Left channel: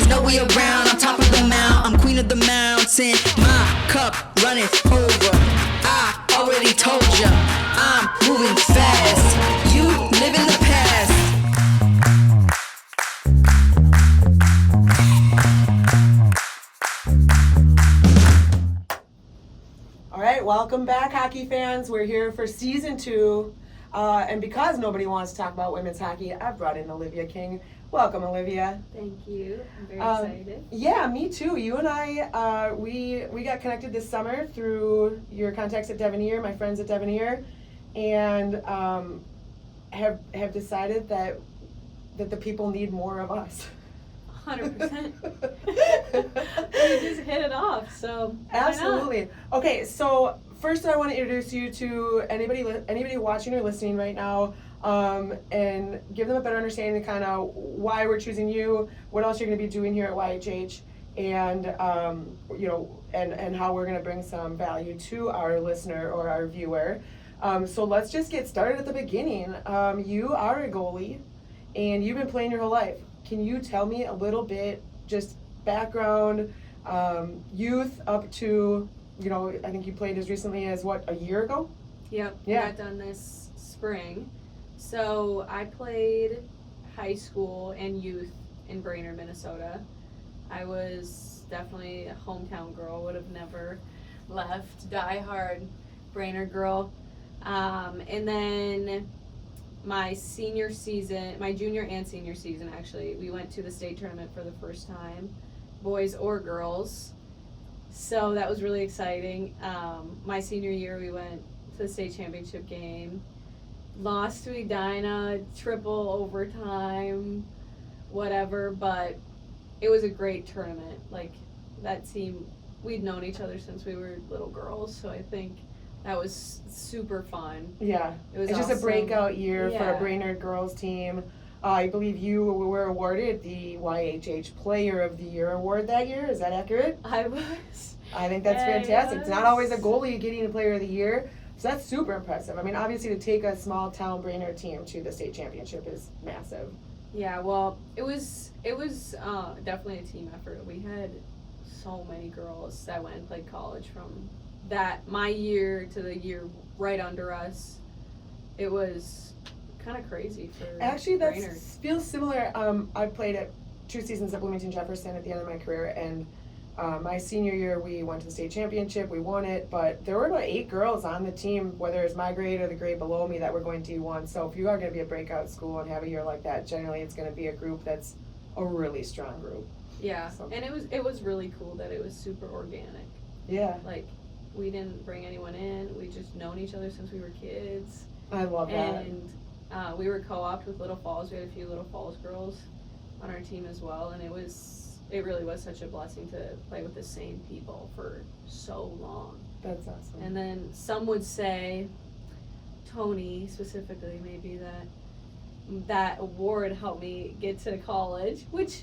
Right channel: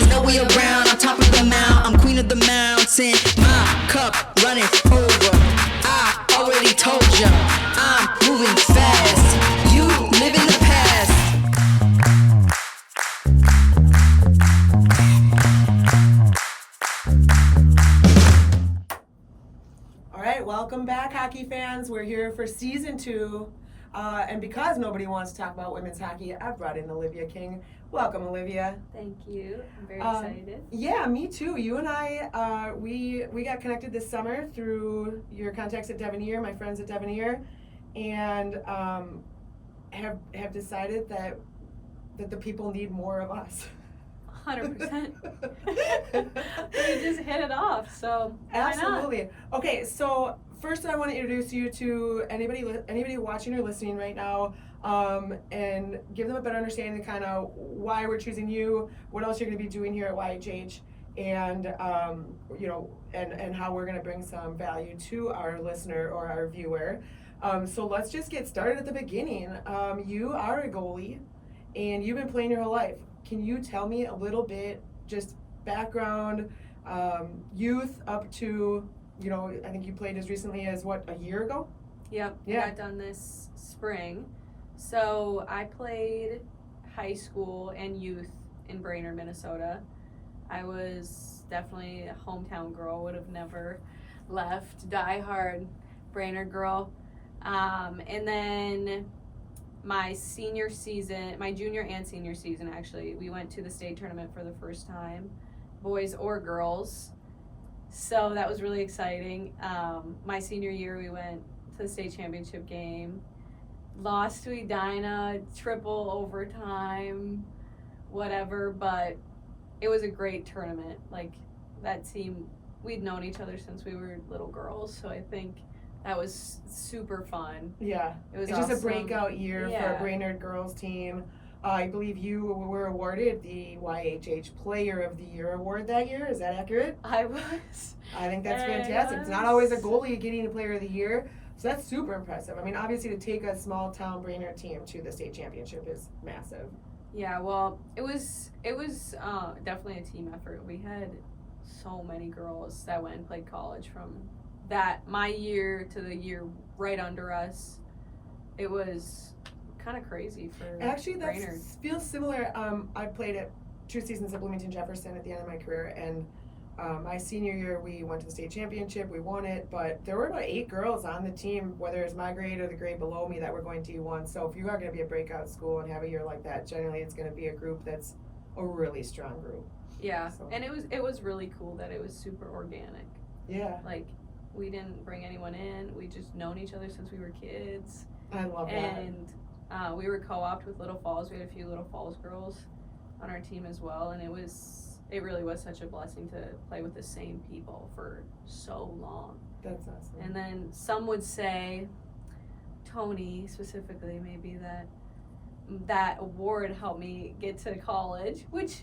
There's no way around, I'm top of the mount, I'm queen of the mountain. My cup running over, I already told ya, I'm moving fast, you live in the past. All right, welcome back, hockey fans. We're here for season 2. And because nobody wants to talk about women's hockey, I've brought in Olivia King. Welcome, Olivia. Thank you. I'm very excited. Yeah, me too. You and I, we got connected this summer through your contacts at Devoneer, my friends at Devoneer, and have decided that the people need more of us. 100%. We just hit it off, so absolutely. Okay, so first I want to introduce you to anybody watching or listening right now, and give them a better understanding of kind of why we're choosing you, what else you're going to be doing here at YHH, and and how we're going to bring some value to our listener or our viewer. So let's just get started at the beginning. You are a goalie, and you've been playing your whole life. Can you tell me a little bit, just background, youth up to, I think you played as recently as a year ago? Yep, yeah. I got done this spring. So I played high school and youth in Brainerd, Minnesota. I was definitely a hometown girl, would have never left, diehard Brainerd girl. And then my junior and senior season, actually, we went to the state tournament for the first time, boys or girls. So that was really exciting. My senior year, we went to the state championship game, lost to Edina, triple overtime, whatever, but it was a great tournament. Like, that team, we'd known each other since we were little girls, so I think that was super fun. Yeah, it was awesome. Just a breakout year for a Yeah. Brainerd girls team. I believe you were awarded the YHH Player of the Year award that year. Is that accurate? I was. I think that's fantastic. It's not always a goalie getting a Player of the Year, so that's super impressive. I mean, obviously to take a small town Brainerd team to the state championship is massive. Yeah, well, it was definitely a team effort. We had so many girls that went and played college from my year to the year right under us. It was kind of crazy for Actually, that Brainerd. feels similar. I played at 2 seasons at Bloomington Jefferson at the end of my career, and my senior year we went to the state championship. We won it, but there were about 8 girls on the team, whether it's my grade or the grade below me, that were going to D1. So if you are going to be a breakout school and have a year like that, generally it's going to be a group that's a really strong group. Yeah, So. and it was really cool that it was super organic. Yeah. Like, we didn't bring anyone in. We just known each other since we were kids. I love that. And we were co-opted with Little Falls. We had a few Little Falls girls on our team as well, and it really was such a blessing to play with the same people for so long. That's awesome. And then some would say, Tony specifically, maybe that award helped me get to college, which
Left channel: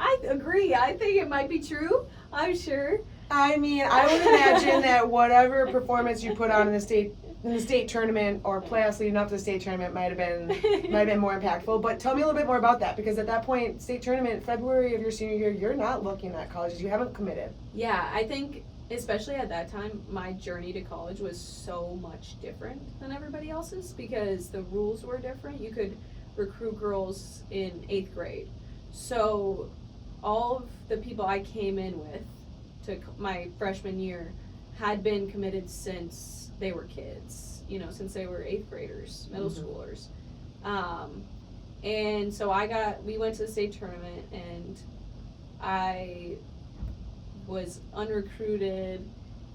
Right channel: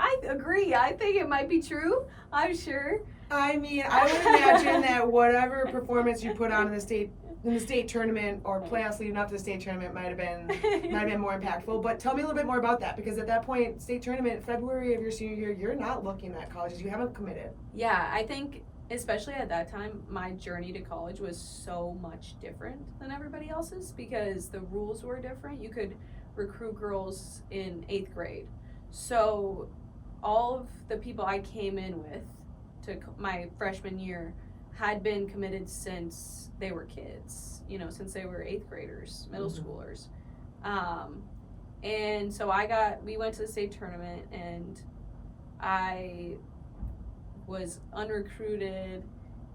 I agree. I think it might be true. I'm sure. I mean, I would imagine that whatever performance you put on in the state tournament or playoffs leading up to the state tournament might have been more impactful. But tell me a little bit more about that, because at that point, state tournament, February of your senior year, you're not looking at colleges. You haven't committed. Yeah, I think especially at that time, my journey to college was so much different than everybody else's because the rules were different. You could recruit girls in 8th grade. So all of the people I came in with to my freshman year had been committed since they were kids, since they were 8th graders, middle schoolers. And so we went to the state tournament, and I was unrecruited.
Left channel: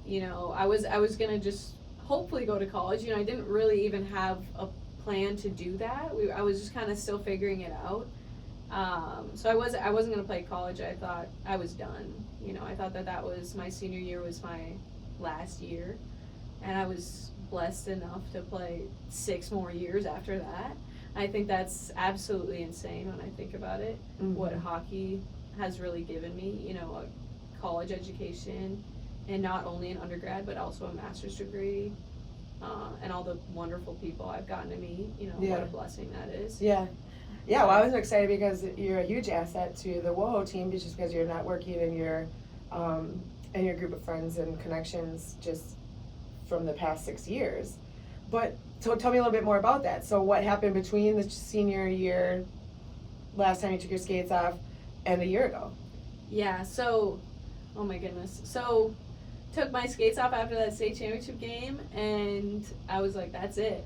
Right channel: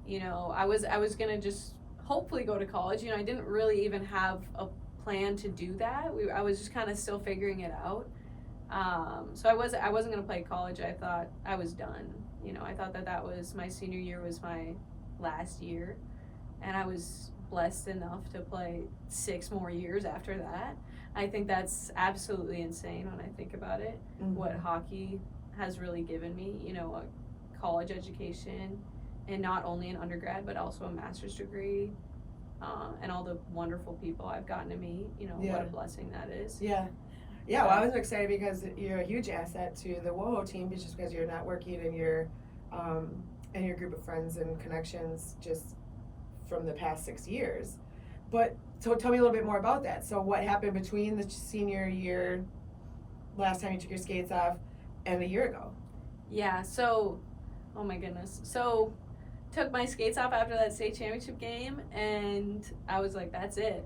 I was gonna just hopefully go to college. I didn't really even have a plan to do that. I was just kind of still figuring it out. So I wasn't gonna play college. I thought I was done. I thought that was my senior year was my last year, and I was blessed enough to play 6 more years after that. I think that's absolutely insane when I think about it. Mm-hmm. What hockey has really given me, a college education, and not only an undergrad but also a master's degree, and all the wonderful people I've gotten to meet. What a blessing that is. Yeah. Yeah, well, I was excited because you're a huge asset to the WoHo team just because you're networking and your group of friends and connections just from the past 6 years. But so tell me a little bit more about that. So what happened between the senior year, last time you took your skates off, and a year ago? Yeah, so, oh my goodness. So, took my skates off after that state championship game, and I was like, that's it.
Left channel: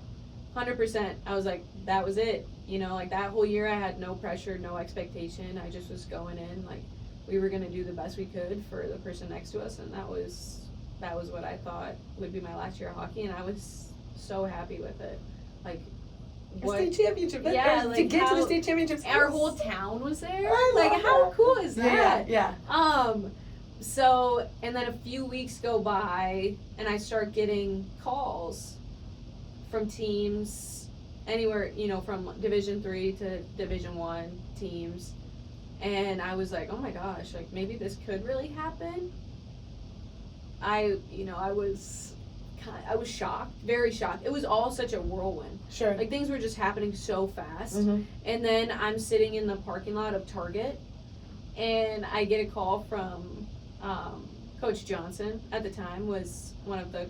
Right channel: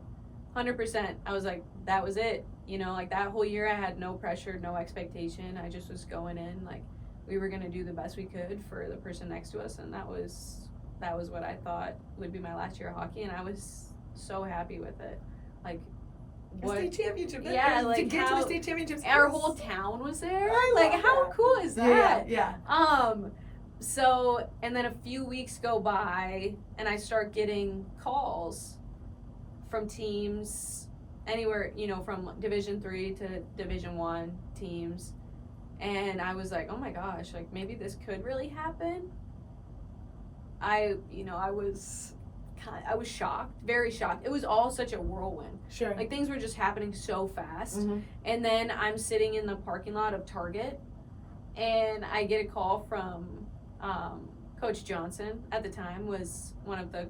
100%. I was like, that was it. You know, like that whole year I had no pressure, no expectation. I just was going in, like, we were going to do the best we could for the person next to us, and that was what I thought would be my last year of hockey, and I was so happy with it. Like, what? State championship. Yeah, like to get to the how- state championship. Our whole town was there. I Like, love how that. cool is that? Yeah. So, and then a few weeks go by, and I start getting calls from teams anywhere, you know, from Division 3 to Division 1 teams. And I was like, oh my gosh, like maybe this could really happen. I was shocked, very shocked. It was all such a whirlwind. Sure. Like things were just happening so fast. Mhm. And then I'm sitting in the parking lot of Target, and I get a call from Coach Johnson. At the time was one of the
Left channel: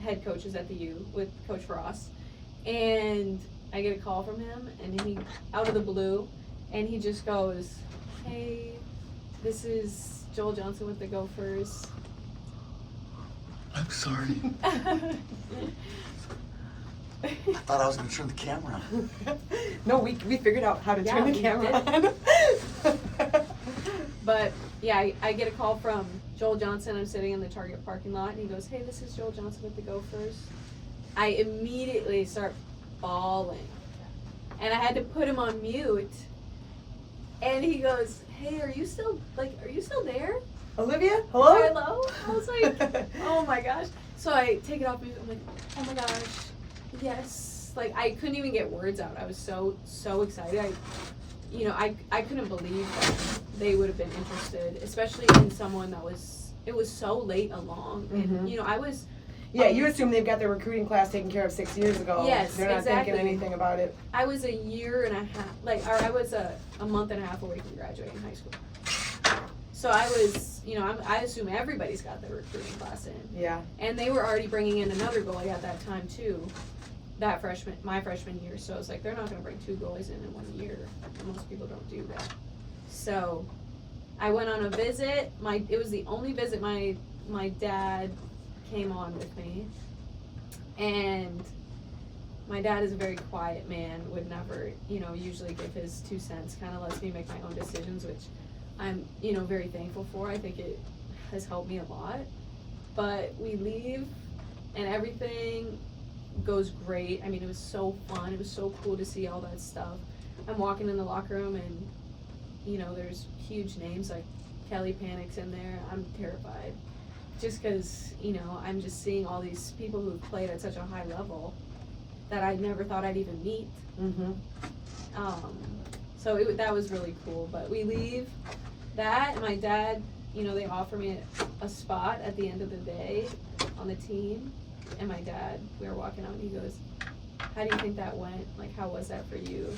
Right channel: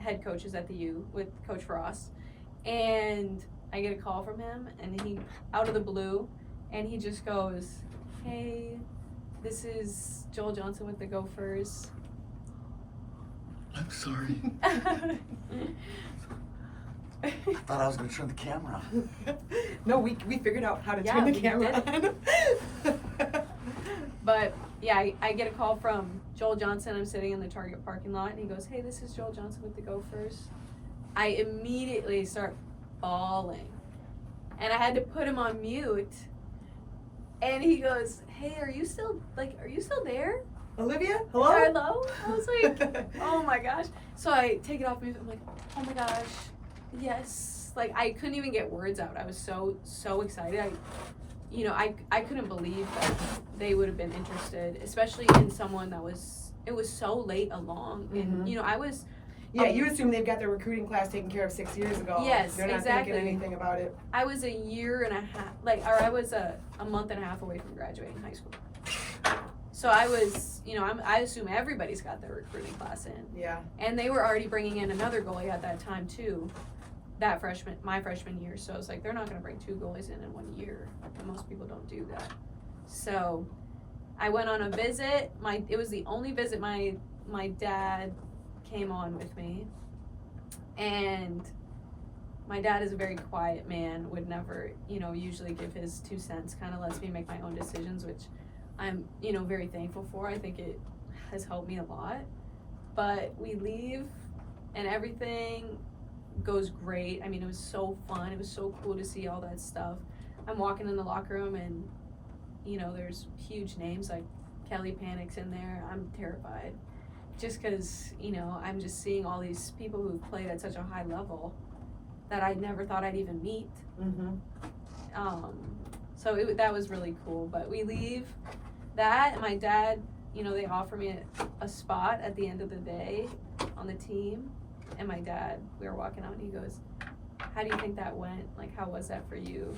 head coaches at the U with Coach Frost. And I get a call from him, and he, out of the blue, and he just goes, hey, this is Joel Johnson with the Gophers. I'm sorry. I thought I was going to turn the camera on. No, we figured out how to turn the we camera did. on. But yeah, I get a call from Joel Johnson. I'm sitting in the Target parking lot, and he goes, hey, this is Joel Johnson with the Gophers. I immediately start bawling, and I had to put him on mute. And he goes, hey, are you still there? Olivia, hello? Hello? I was like, oh my gosh. So I take it off mute. I'm like, oh my gosh, yes. Like I couldn't even get words out. I was so excited. I couldn't believe that they would have been interested, especially in someone it was so late along. And Mhm. you know, I was Yeah, you assume they've got their recruiting class taken care of 6 years ago. Yes, They're not exactly. thinking anything about it. I was a year and a half, or I was a month and a half away from graduating high school. So I was, you know, I assume everybody's got their recruiting class in. Yeah. And they were already bringing in another goalie at that time too, my freshman year. So it's like, they're not gonna bring 2 goalies in 1 year. Most people don't do that. So I went on a visit. It was the only visit my dad came on with me. And my dad is a very quiet man, would never, you know, usually give his 2 cents, kind of lets me make my own decisions, which I'm, you know, very thankful for. I think it has helped me a lot. But we leave, and everything goes great. I mean, it was so fun. It was so cool to see all that stuff. I'm walking in the locker room, and, you know, there's huge names like Kelly Panic's in there. I'm terrified. Just because, you know, I'm just seeing all these people who've played at such a high level that I never thought I'd even meet. Mm-hmm. So that was really cool. But we leave that, and my dad, you know, they offer me a spot at the end of the day on the team. And my dad, we were walking out, and he goes, how do you think that went? Like, how was that for you?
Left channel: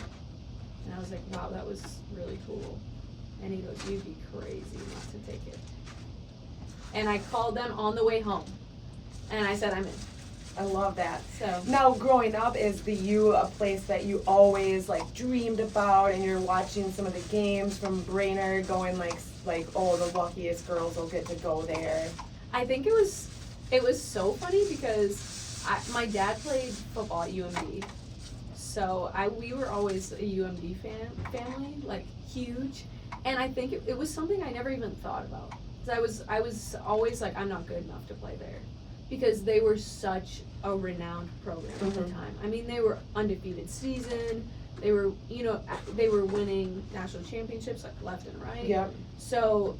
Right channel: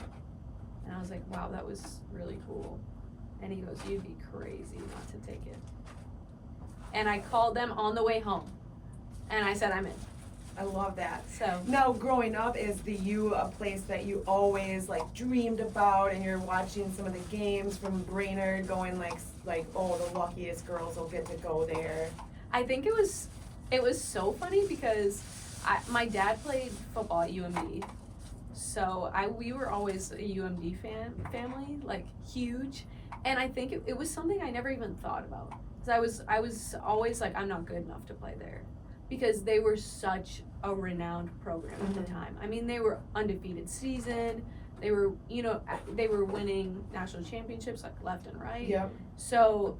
And I was like, wow, that was really cool. And he goes, you'd be crazy not to take it. And I called them on the way home, and I said, I'm in. I love that. So Now, growing up, is the U a place that you always like dreamed about, and you're watching some of the games from Brainerd, going like, oh, the luckiest girls will get to go there? I think it was so funny because my dad played football at UMD, so we were always a UMD family, like huge, and I think it was something I never even thought about. I was always like, I'm not good enough to play there, because they were such a renowned program at the time. I mean, they were undefeated season. They were, you know, they were winning national championships like left and right. Yeah. So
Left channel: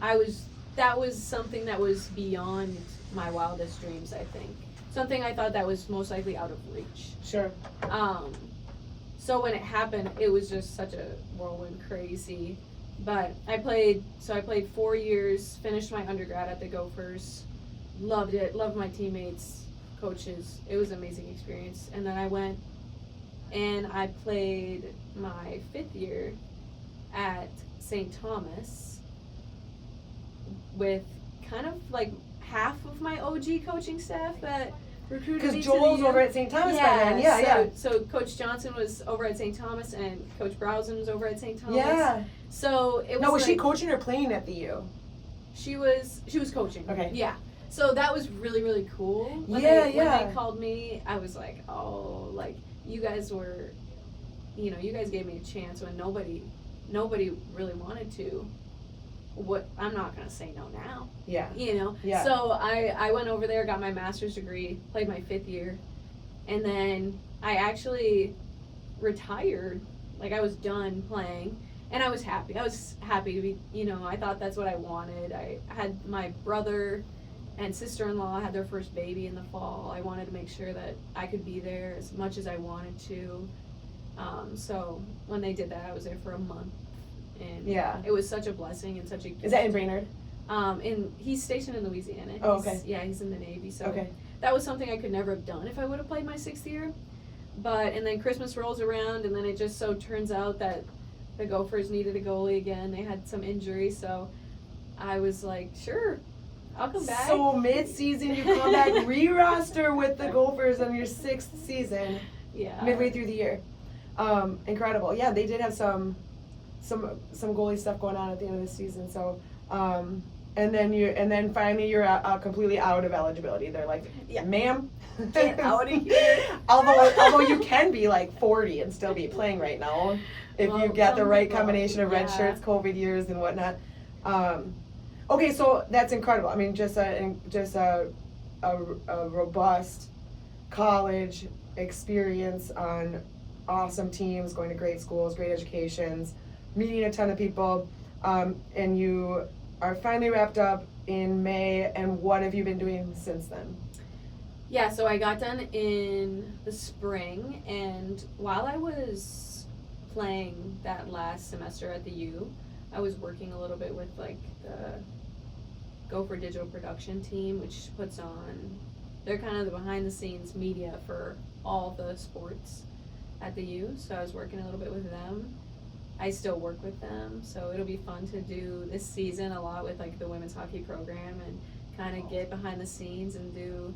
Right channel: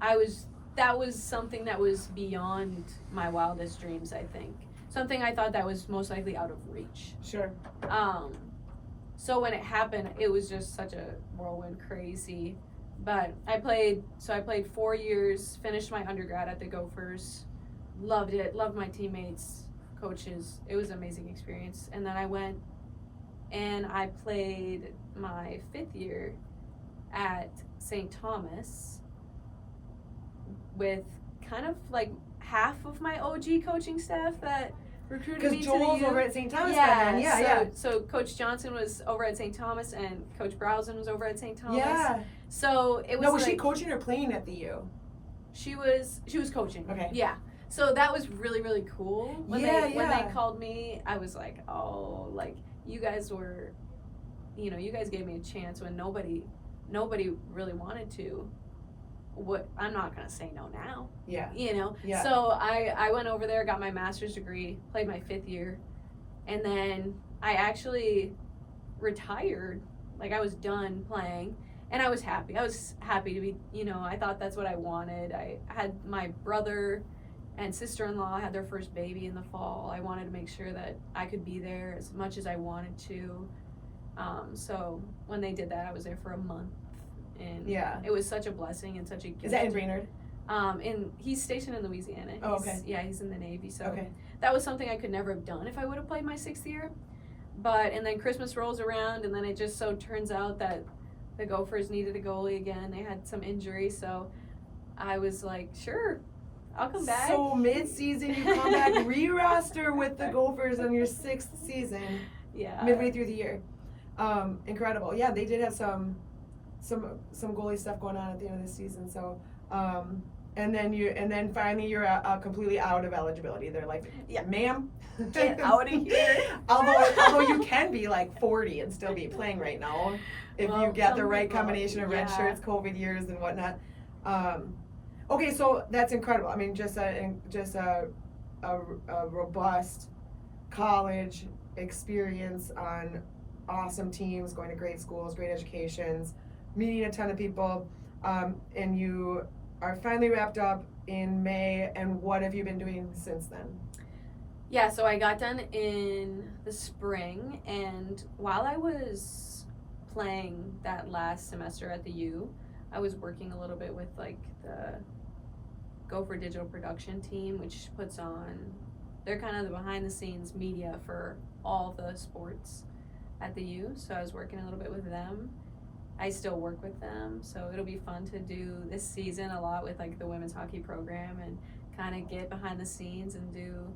that was something that was beyond my wildest dreams, I think. Something I thought that was most likely out of reach. Sure. So when it happened, it was just such a whirlwind, crazy. But I played 4 years, finished my undergrad at the Gophers, loved it, loved my teammates, coaches. It was an amazing experience. And then I went And I played my 5th year at St. Thomas with kind of like half of my OG coaching staff that recruited me Because to the Joel's U. over at St. Thomas by then. Yeah, So Coach Johnson was over at St. Thomas and Coach Browson was over at St. Thomas. Yeah. So it was No, was she like- coaching or playing at the U? She was coaching. Okay. Yeah. So that was really, really cool. When Yeah, they yeah. called me, I was like, oh, like you guys were, you guys gave me a chance when nobody really wanted to. What, I'm not gonna say no now. Yeah. Yeah. So I went over there, got my master's degree, played my 5th year, and then I actually retired. Like I was done playing, and I was happy. I was happy to be, I thought that's what I wanted. I had my brother and sister-in-law had their first baby in the fall. I wanted to make sure that I could be there as much as I wanted to. So when they did that, I was there for a month. And Yeah. it was such a blessing and such a gift. Is that in Brainerd? He's stationed in Louisiana. Oh, okay. He's in the Navy, so Okay. that was something I could never have done if I would have played my 6th year. And then Christmas rolls around, and then it just so turns out that the Gophers needed a goalie again. They had some injury, so I was like, sure, I'll come back. So mid-season, you come back, re-roster with the Gophers on your 6th season, Yeah. midway through the year. Incredible. Yeah, they did have some goalie stuff going on at the end of the season. So, and then finally you're completely out of eligibility. They're like, Yeah. ma'am, Get out of here. although you can be like 40 and still be playing right now if Well, you get the some right people, combination of red yeah. shirts, COVID years, and whatnot. Okay, so that's incredible. I mean, just a robust college experience on awesome teams, going to great schools, great educations, meeting a ton of people, and you are finally wrapped up in May. And what have you been doing since then? Yeah, so I got done in the spring, and while I was playing that last semester at the U, I was working a little bit with like the Gopher Digital Production team, which puts on, they're kind of the behind the scenes media for all of the sports at the U, so I was working a little bit with them. I still work with them, so it'll be fun to do this season a lot with like the women's hockey program and kind of get behind the scenes and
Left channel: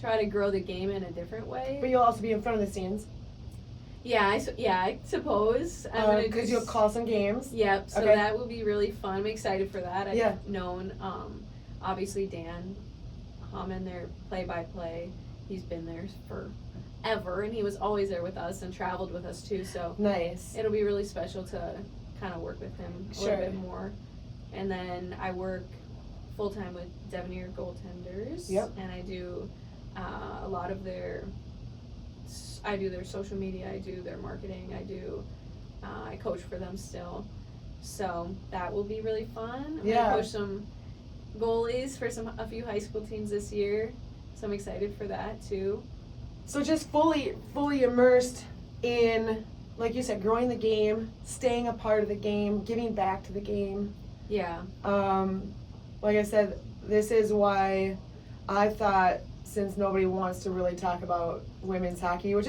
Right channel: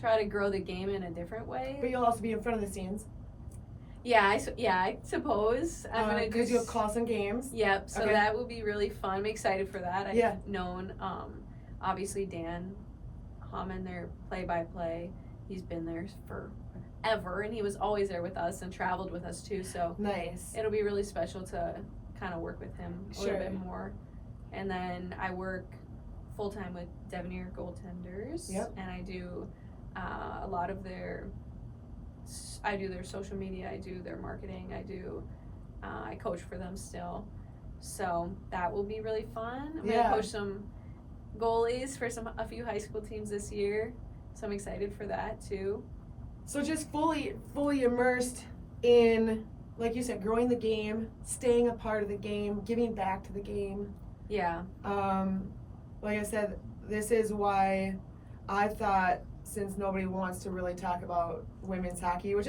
try to grow the game in a different way. But you'll also be in front of the scenes. Yeah, I suppose. I'm gonna Because you'll call some games. Yep, so Okay. that will be really fun. I'm excited for that. I've Yeah. known, obviously Dan Hammond, their play-by-play. He's been there forever, and he was always there with us and traveled with us too, so Nice. it'll be really special to kind of work with him a Sure. little bit more. And then I work full-time with Devenir Goaltenders. Yep. And I do a lot of I do their social media, I do their marketing, I coach for them still. So that will be really fun. I'm Yeah. gonna coach some goalies for a few high school teams this year. So I'm excited for that too. So just fully immersed in, like you said, growing the game, staying a part of the game, giving back to the game. Yeah. Like I said, this is why I thought, since nobody wants to really talk about women's hockey, which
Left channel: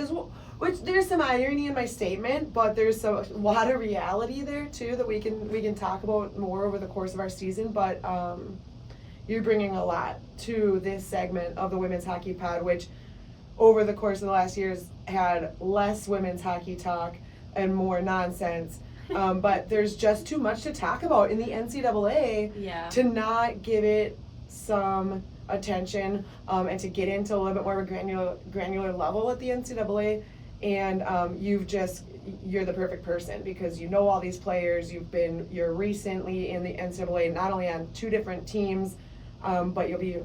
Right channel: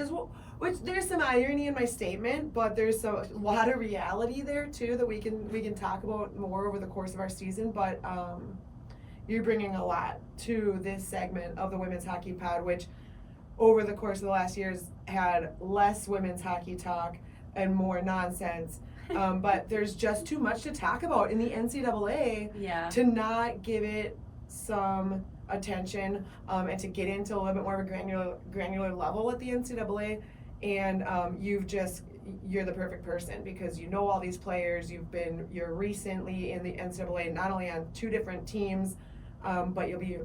there's some irony in my statement, but there's a lot of reality there too that we can talk about more over the course of our season. But you're bringing a lot to this segment of the Women's Hockey Pod, which over the course of the last years had less women's hockey talk and more nonsense. But there's just too much to talk about in the NCAA Yeah. to not give it some attention, and to get into a little bit more of a granular level at the NCAA. And you're the perfect person because you know all these players. You're recently in the NCAA, not only on 2 different teams, but you'll be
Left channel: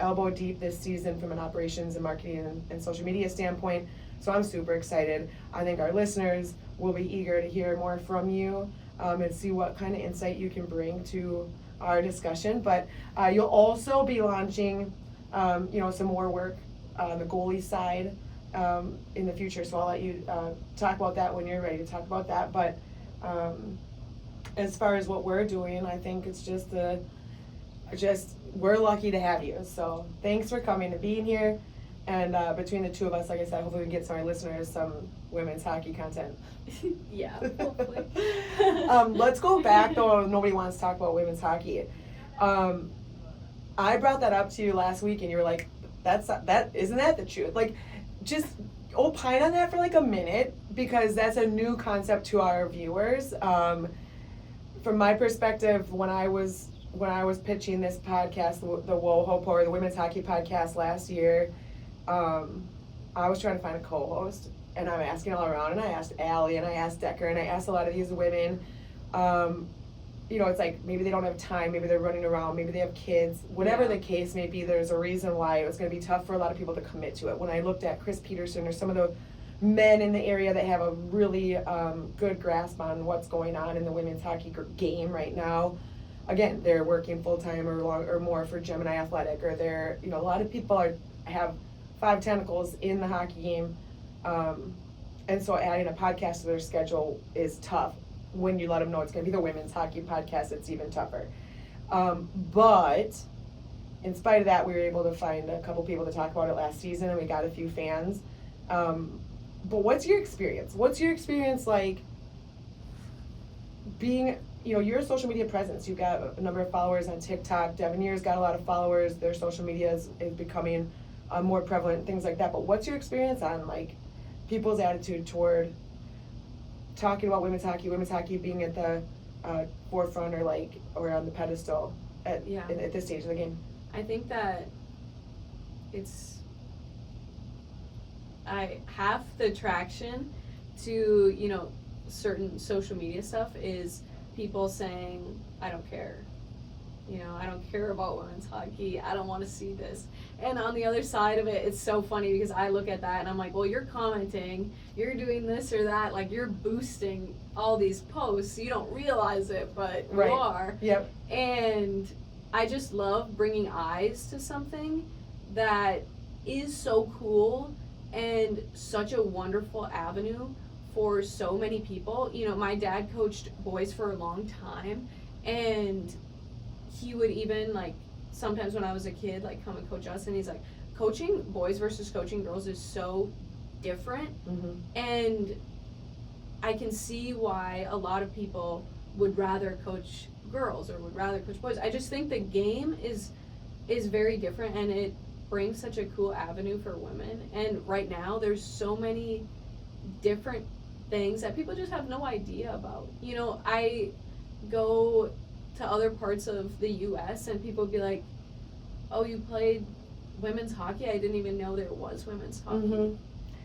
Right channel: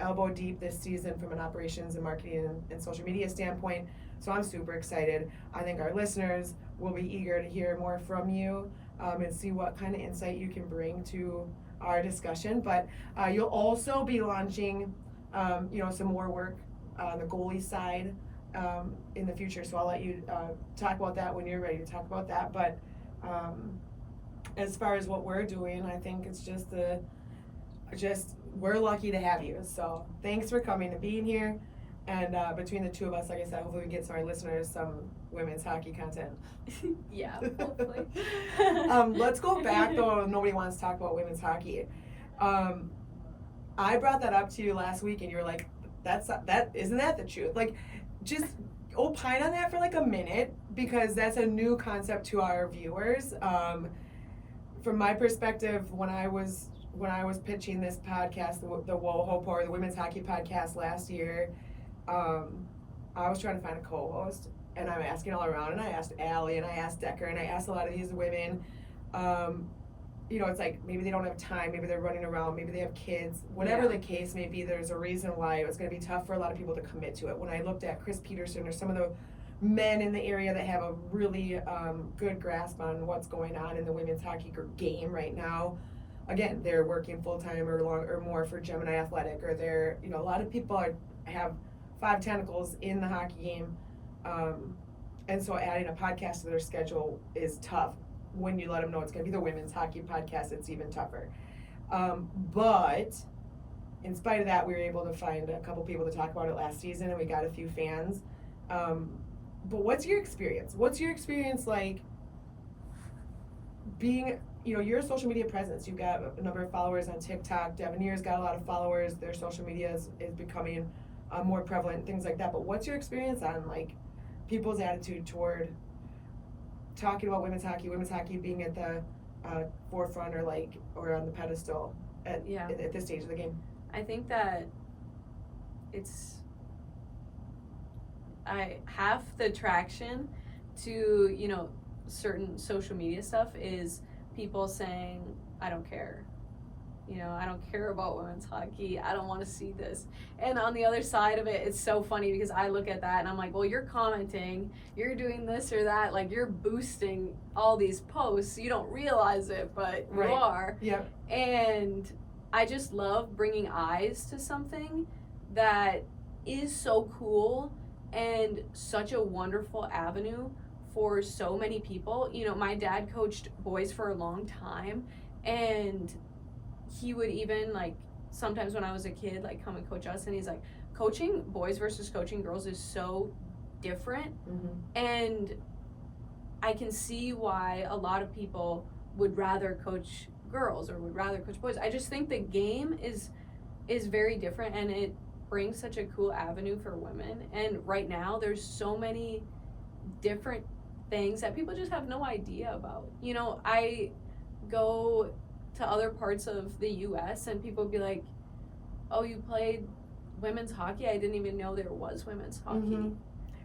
elbow deep this season from an operations and marketing and social media standpoint. So I'm super excited. I think our listeners will be eager to hear more from you, and see what kind of insight you can bring to our discussion. But you'll also be launching some more work on the goalie side in the future, so I'll let you talk about that when you're ready to talk about that. But as far as what we're doing, I think it's just we're lucky to have you. So thanks for coming and being here. And between the two of us, like I said, hopefully we get some of our listeners some women's hockey content. Yeah, hopefully. Let's go back though. Nobody wants to talk about women's hockey. I brought that up to you last week, and you were like, isn't that the truth?" Like, just opine on that for like a minute, because that's a new concept to our viewers. From my perspective, when I was pitching this podcast, the WoHoPo, or the Women's Hockey Podcast last year, I was trying to find a co-host, and I'm asking all around, and I asked Allie, and I asked Decker, and I asked a lot of these women. You know, it's like maybe they don't have time, maybe they're running around, maybe they have kids, whatever the case may be. There's a reason why it was going to be tough for a lot of people to commit to it. When I looked at Chris Peterson or some of the men in the area that have a really good grasp on what's going on in the women's hockey game right now, again, they're working full-time or more for Gemini Athletic, or they're, you know, a lot of people have 5 tentacles in the hockey game, and so adding a podcast to their schedule is tough. When you let them know it's going to be the Women's Hockey Podcast, it's even tougher. But in spite of that, we were able to find a couple people to talk about it last season, and we got a few fans. But what's your experience? What's your experience like being, you know, you're a social media presence. You've got a number of followers on TikTok. Devanier's got a lot of followers. Their social media is becoming more prevalent, things like that. But what's your experience on, like, people's attitude toward talking about women's hockey being at the forefront, or on the pedestal at this stage of the game? I think that half the traction to, you know, certain social media stuff is people saying, I don't care. You know, I don't care about women's hockey. I don't want to see this. And on the other side of it, it's so funny because I look at that and I'm like, well, you're commenting, you're doing this or that, like you're boosting all these posts. You don't realize it, but you are. Yep. And I just love bringing eyes to something that is so cool and such a wonderful avenue for so many people. You know, my dad coached boys for a long time, and he would even, like, sometimes when I was a kid, like, come and coach us, and he's like, coaching boys versus coaching girls is so different. Mm-hmm. And I can see why a lot of people would rather coach girls or would rather coach boys. I just think the game is very different, and it brings such a cool avenue for women. And right now there's so many different things that people just have no idea about. You know, I go to other parts of the US and people would be like, oh, you played women's hockey? I didn't even know there was women's hockey. Mm-hmm.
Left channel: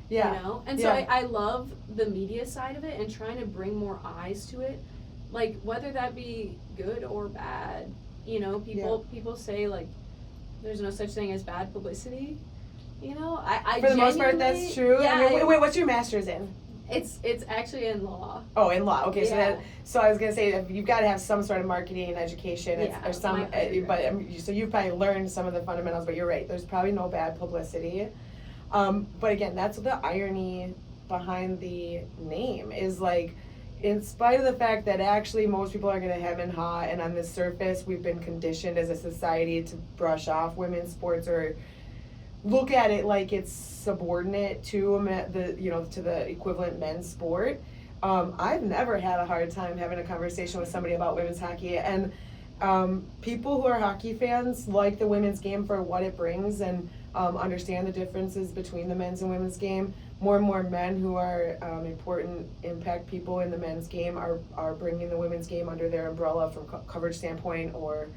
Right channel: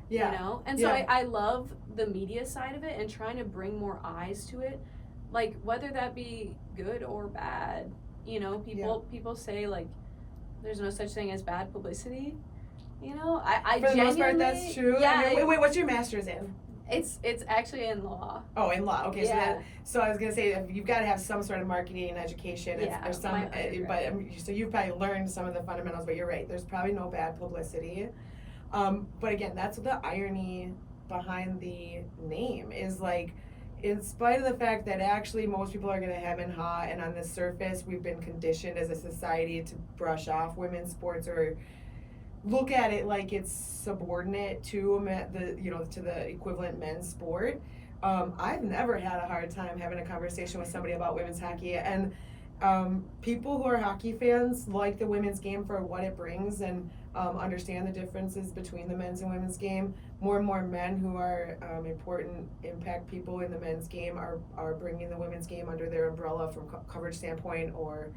Yeah. You know? And so I love the media side of it and trying to bring more eyes to it. Like, whether that be good or bad, you know, people say, like, there's no such thing as bad publicity. You know, I for the most part, that's true. Yeah. I mean, wait, what's your master's in? It's actually in law. Oh, in law. Okay, Yeah. so I was gonna say, you've got to have some sort of marketing education. Yeah, or some, so you've probably learned some of the fundamentals. But you're right. There's probably no bad publicity. But again, that's the irony behind the name is, like, in spite of the fact that actually most people are gonna hem and haw, and on the surface we've been conditioned as a society to brush off women's sports or look at it like it's subordinate to the equivalent men's sport. I've never had a hard time having a conversation with somebody about women's hockey, and people who are hockey fans like the women's game for what it brings, and understand the differences between the men's and women's game. More and more men who are important impact people in the men's game are bringing the women's game under their umbrella from coverage standpoint, or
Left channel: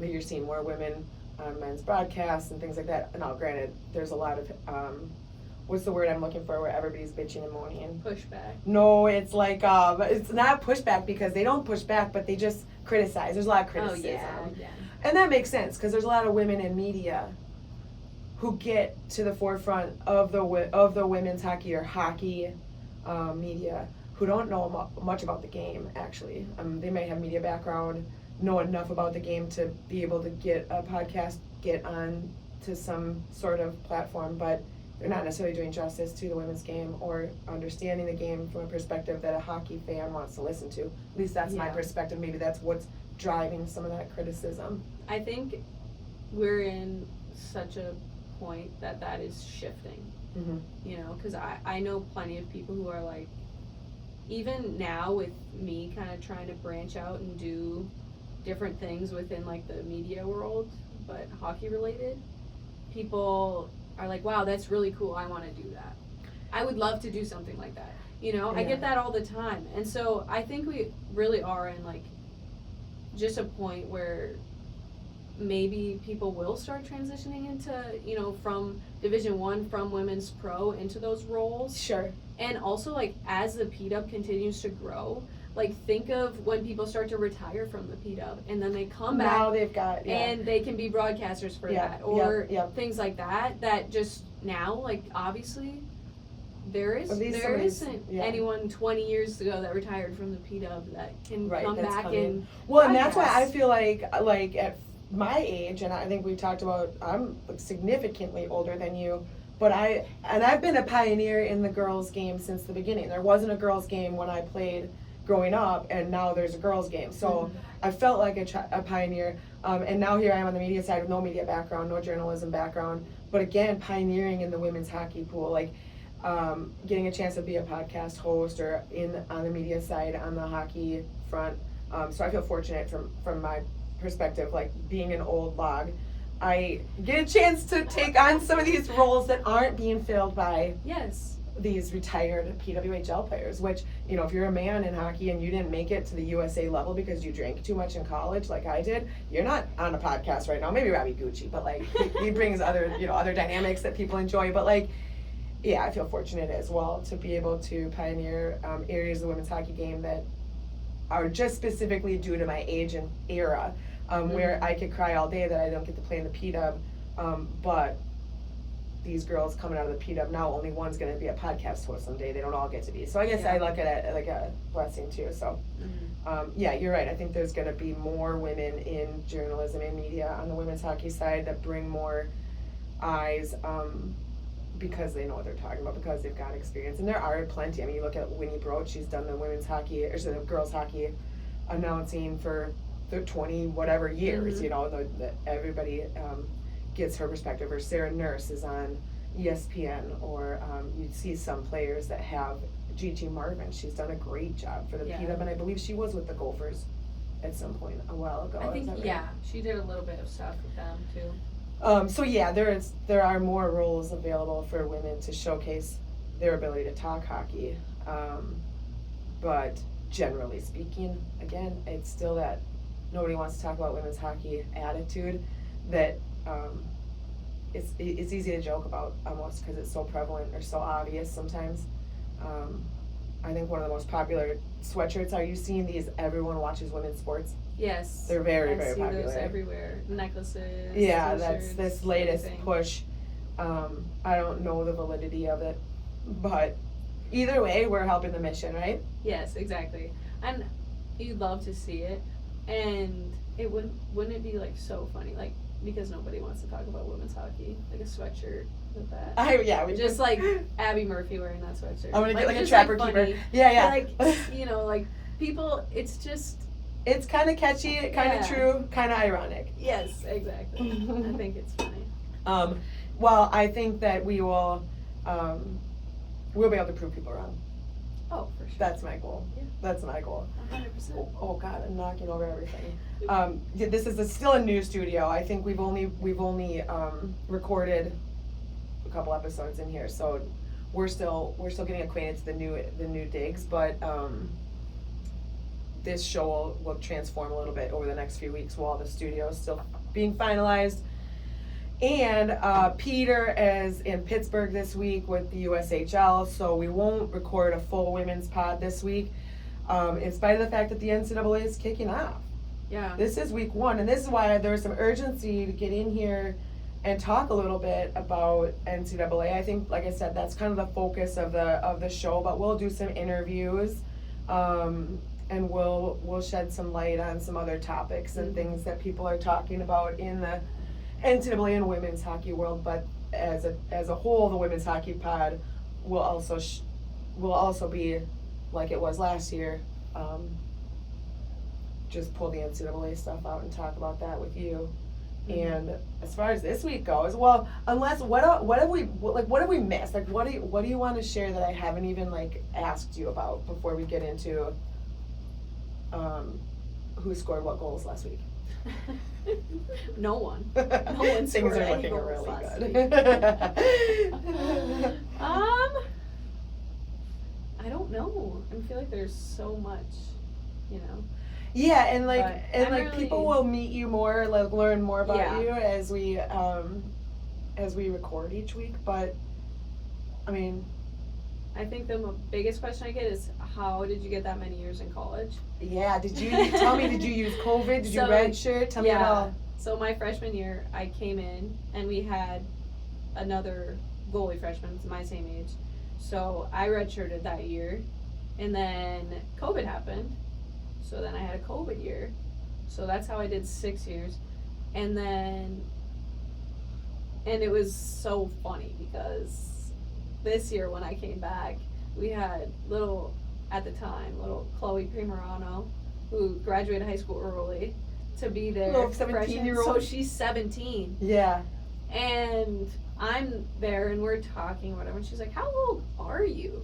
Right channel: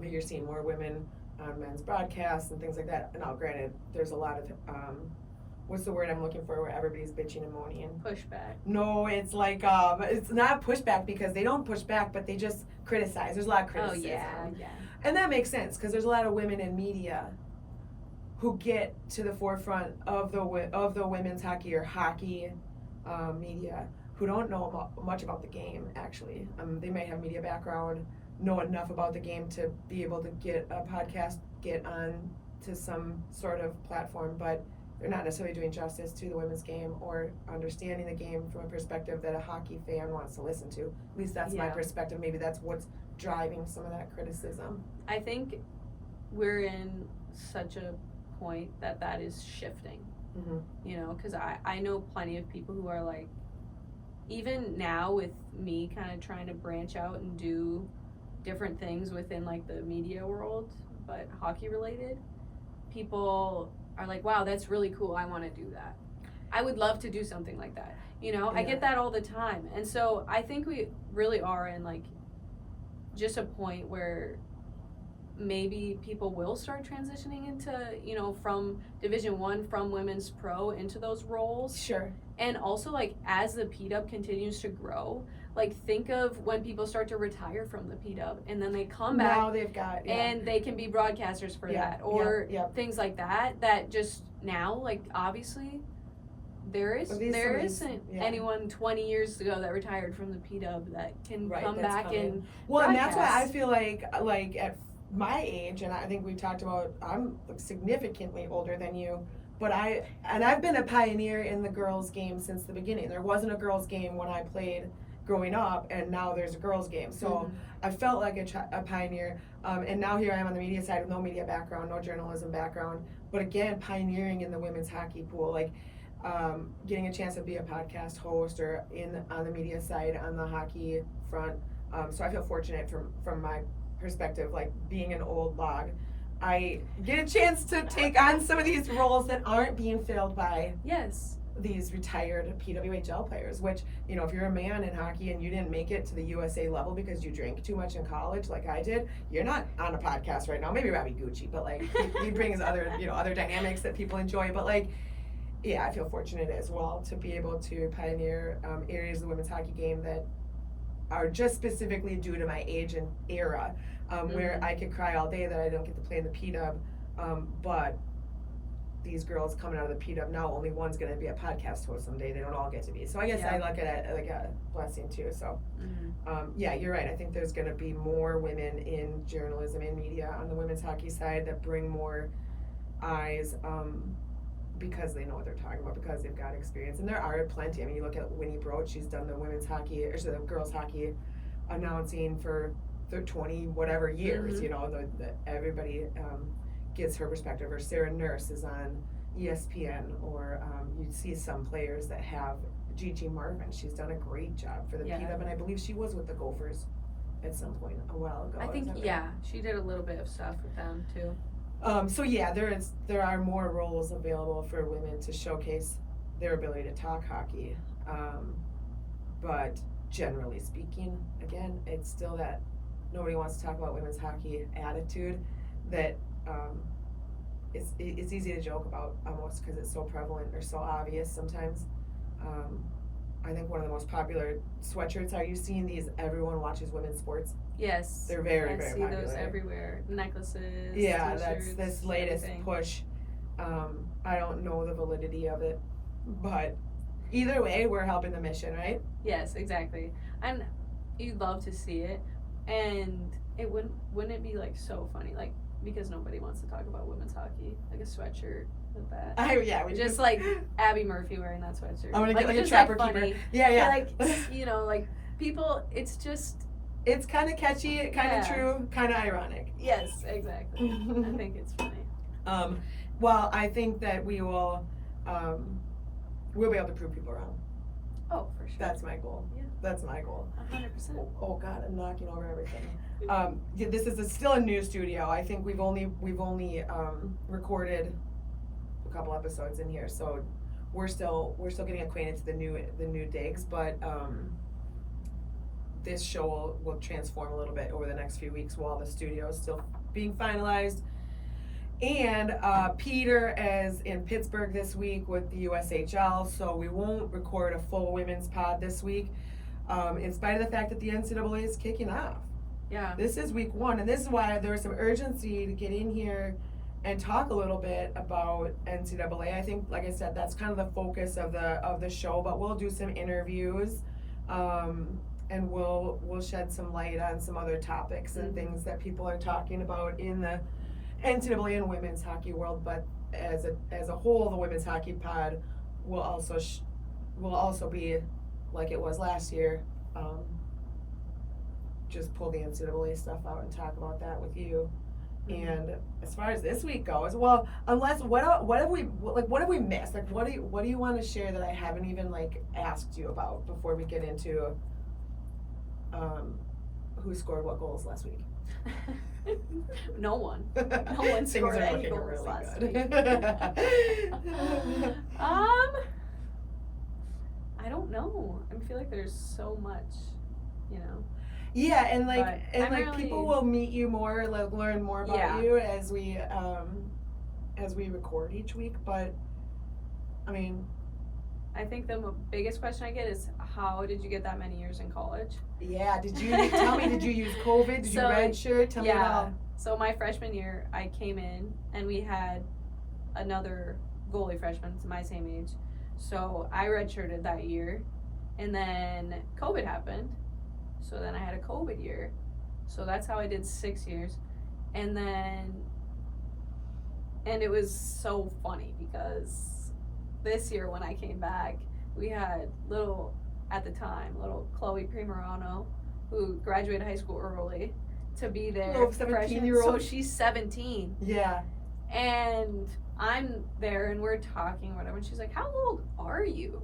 you're seeing more women on men's broadcasts and things like that. Now, granted, there's a lot of what's the word I'm looking for, where everybody's bitching and moaning? Pushback. No, it's like it's not pushback, because they don't push back, but they just criticize. There's a lot of criticism. Oh yeah. And that makes sense, because there's a lot of women in media who get to the forefront of the women's hockey or hockey media who don't know much about the game, actually. They may have media background, know enough about the game to be able to get a podcast, get on to some sort of platform, but they're not necessarily doing justice to the women's game or understanding the game from a perspective that a hockey fan wants to listen to. At least that's my perspective. Maybe that's what's driving some of that criticism. I think we're in such a point that is shifting. You know, because I know plenty of people who are like, even now with me kind of trying to branch out and do different things within like the media world, but hockey related, people are like, wow, that's really cool, I want to do that. I would love to do something like that. You know, I get that all the time. And so I think we really are in like just a point where maybe people will start transitioning into, you know, from Division I, from women's pro into those roles. Sure. And also, like, as the P-Dub continues to grow, like, think of when people start to retire from the P-Dub and then they come back. Now they've got, and they can be broadcasters for that. Or things like that, that just now, like, obviously, there isn't anyone 20 years ago that retired from the P-Dub that can come back and Well, and that's why I feel like at my age, and I think we talked about, I'm significantly older than you, but I've been a pioneer in the girls' game since the beginning. There wasn't a girls' game when I played growing up, and now there's a girls' game. So I felt like a pioneer, and now here I am on the media side with no media background, no journalism background, but again, pioneering in the women's hockey pool, like getting a chance to be a podcast host or on the media side on the hockey front. So I feel fortunate from my perspective, like being an old log, I get a chance to take on some of these roles that aren't being filled by these retired PWHL players, which, you know, if you're a man in hockey and you didn't make it to the USA level because you drank too much in college like I did, you're not on a podcast right now. Maybe Robbie Gucci, but like he brings other, you know, other dynamics that people enjoy, but like, yeah, I feel fortunate as well to be able to pioneer areas of the women's hockey game that are just specifically due to my age and era. Where I could cry all day that I don't get to play in the P-Dub, but these girls coming out of the P-Dub now, only one's going to be a podcast host someday. They don't all get to be. So I guess I look at it like a blessing too. So yeah, you're right. I think there's going to be more women in journalism and media on the women's hockey side that bring more eyes because they know what they're talking about, because they've got experience. And there are plenty. I mean, you look at Winnie Broach, she's done the women's hockey, or the girls hockey announcing for the 20 whatever years, you know, the everybody gets her perspective. Or Sarah Nurse is on ESPN, or you see some players that have Gigi Marvin. She's done a great job for the P-Dub, and I believe she was with the Gophers at some point a while ago. I think she did a little bit of stuff with them too. So yeah, there are more roles available for women to showcase their ability to talk hockey, but generally speaking, again, it's still that nobody wants to talk about women's hockey attitude that it's easy to joke about almost because it's so prevalent or so obvious sometimes. I think one of the most popular sweatshirts, are you seeing these everyone watches women's sports? Yes. They're very, very popular. I see those everywhere. Necklaces, yeah, t-shirts, that's this latest everything. push. I don't know the validity of it, but either way, we're helping the mission, right? Yes, exactly. And you'd love to see it. And it wouldn't it be like so funny, like, because nobody wants to talk about women's hockey, like a sweatshirt with that. We just like Abby Murphy wearing that sweatshirt. I'm gonna get like a just, trapper like, keeper. funny. Yeah. Like, you know, like people, it's kind of catchy, kind of true, kind of ironic. Yes, exactly. I think it's funny. Well, I think that we'll be able to prove people wrong. Oh, for sure. That's my goal. Yeah. That's my goal. 100%. Oh God, I'm knocking over everything. This is still a new studio. I think we've only recorded a couple episodes in here, so we're still getting acquainted to the new digs. But this show will transform a little bit over the next few weeks while the studio is still being finalized. And Peter is in Pittsburgh this week with the USHL, so we won't record a full women's pod this week, in spite of the fact that the NCAA is kicking off. Yeah. This is week 1, and this is why there's some urgency to get in here and talk a little bit about NCAA. I think, like I said, that's kind of the focus of the show, but we'll do some interviews, and we'll shed some light on some other topics and things that people are talking about in the NCAA and women's hockey world. But as a whole, the women's hockey pod will also be like it was last year. Just pull the NCAA stuff out and talk about that with you. And as far as this week goes, well, unless what have we missed? Like what do you want to share that I haven't even like asked you about before we get into who scored what goals last week? No one. No one Things scored are any looking goals really last good. week. I don't know. I feel like there's so much, you know. Yeah, and like But and like really- people will meet you more, like learn more about Yeah. you as we record each week. But I mean, I think the biggest question I get is, how did you get that many years in college? yeah. Did you tell me? Did you use COVID? Did you So, redshirt? Tell me it all. So my freshman year, I came in and we had another goalie freshman, my same age. So I redshirted that year, and then COVID happened. So then I had a COVID year. So that's how I did 6 years. And it was so funny because this year when I came back, we had little Chloe Primerano, who graduated high school early, to be there. Little freshman. 17-year-old. So she's 17. Yeah. And I'm there and we're talking, whatever. And she's like, "How old are you?"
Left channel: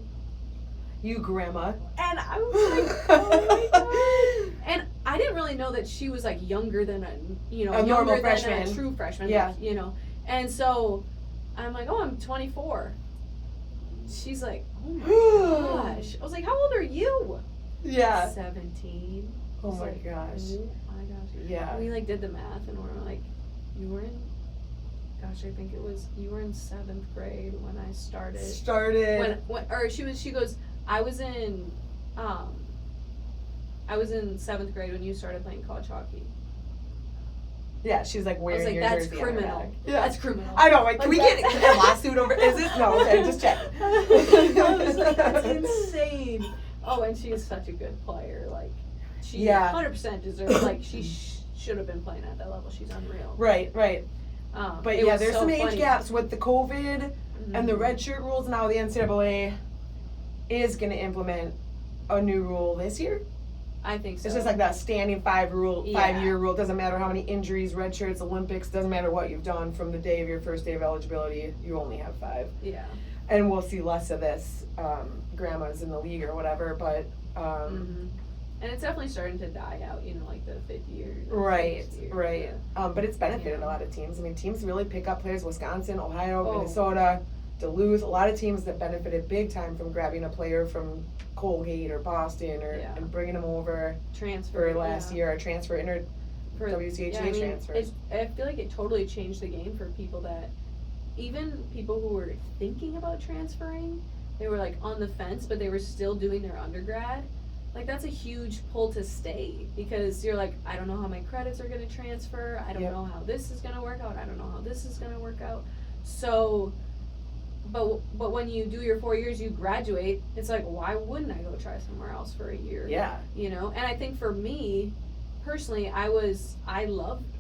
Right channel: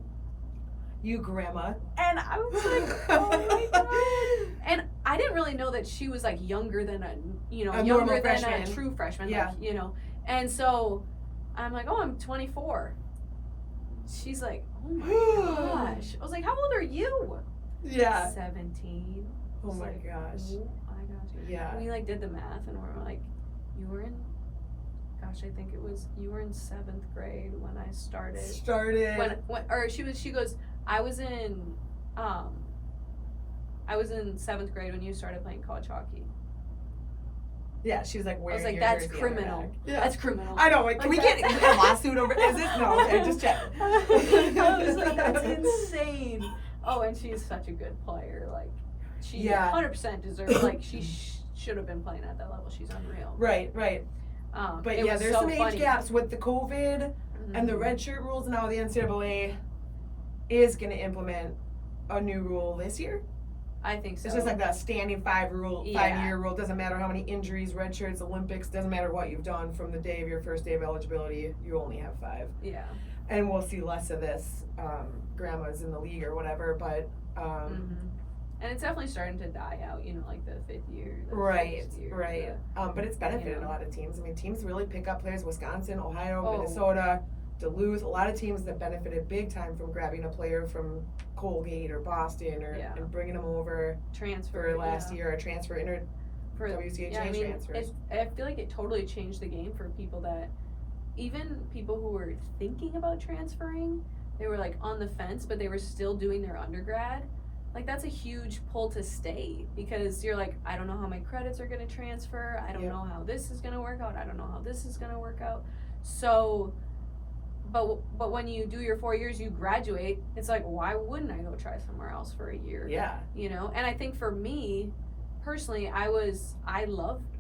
You grandma. And I was like, "Oh my god!" And I didn't really know that she was like younger than A younger normal than freshman. a true freshman. Yeah. Like, And so I'm like, "Oh, I'm 24." She's like, "Oh my gosh!" I was like, "How old are you?" Yeah. 17. Oh I was my like, gosh. Oh my gosh. Yeah. We like did the math and we're like, you were in, gosh, I think you were in 7th grade when I started. She goes, I was in 7th grade when you started playing college hockey. Yeah, she's like I wearing was like, your that's jersey on her criminal. back. Yeah. That's criminal. I know, like, can we Like, get a lawsuit over? Is it? No, okay, just check. I was like, that's insane. Oh, and she is such a good player. Like, she Yeah. 100% deserves. Like, she should have been playing at that level. She's unreal. Right. But it yeah, was there's so some age funny. gaps with the COVID and the Mhm. red shirt rules. Now the NCAA is going to implement a new rule this year. I think so. It's just like that standing 5-year Yeah. rule. Doesn't matter how many injuries, red shirts, Olympics. Doesn't matter what you've done from the day of your first day of eligibility. You only have 5. Yeah. And we'll see less of this. Grandmas in the league or whatever, but. And it's definitely starting to die out, like the 5th year. Right. Yeah. But it's benefited a lot of teams. I mean, teams really pick up players. Wisconsin, Ohio, Minnesota, Duluth. A lot of teams that benefited big time from grabbing a player from Colgate or Boston and bringing them over Transfer for last year or transfer for WCHA transfers. I feel like it totally changed the game for people who were thinking about transferring. They were like on the fence, but they were still doing their undergrad. Like, that's a huge pull to stay because you're like, I don't know how my credits are going to transfer. I don't know how this is going to work out. I don't know how this is going to work out. So, but when you do your 4 years, you graduate, it's like, why wouldn't I go try somewhere else for a year? Yeah. And I think for me, personally, I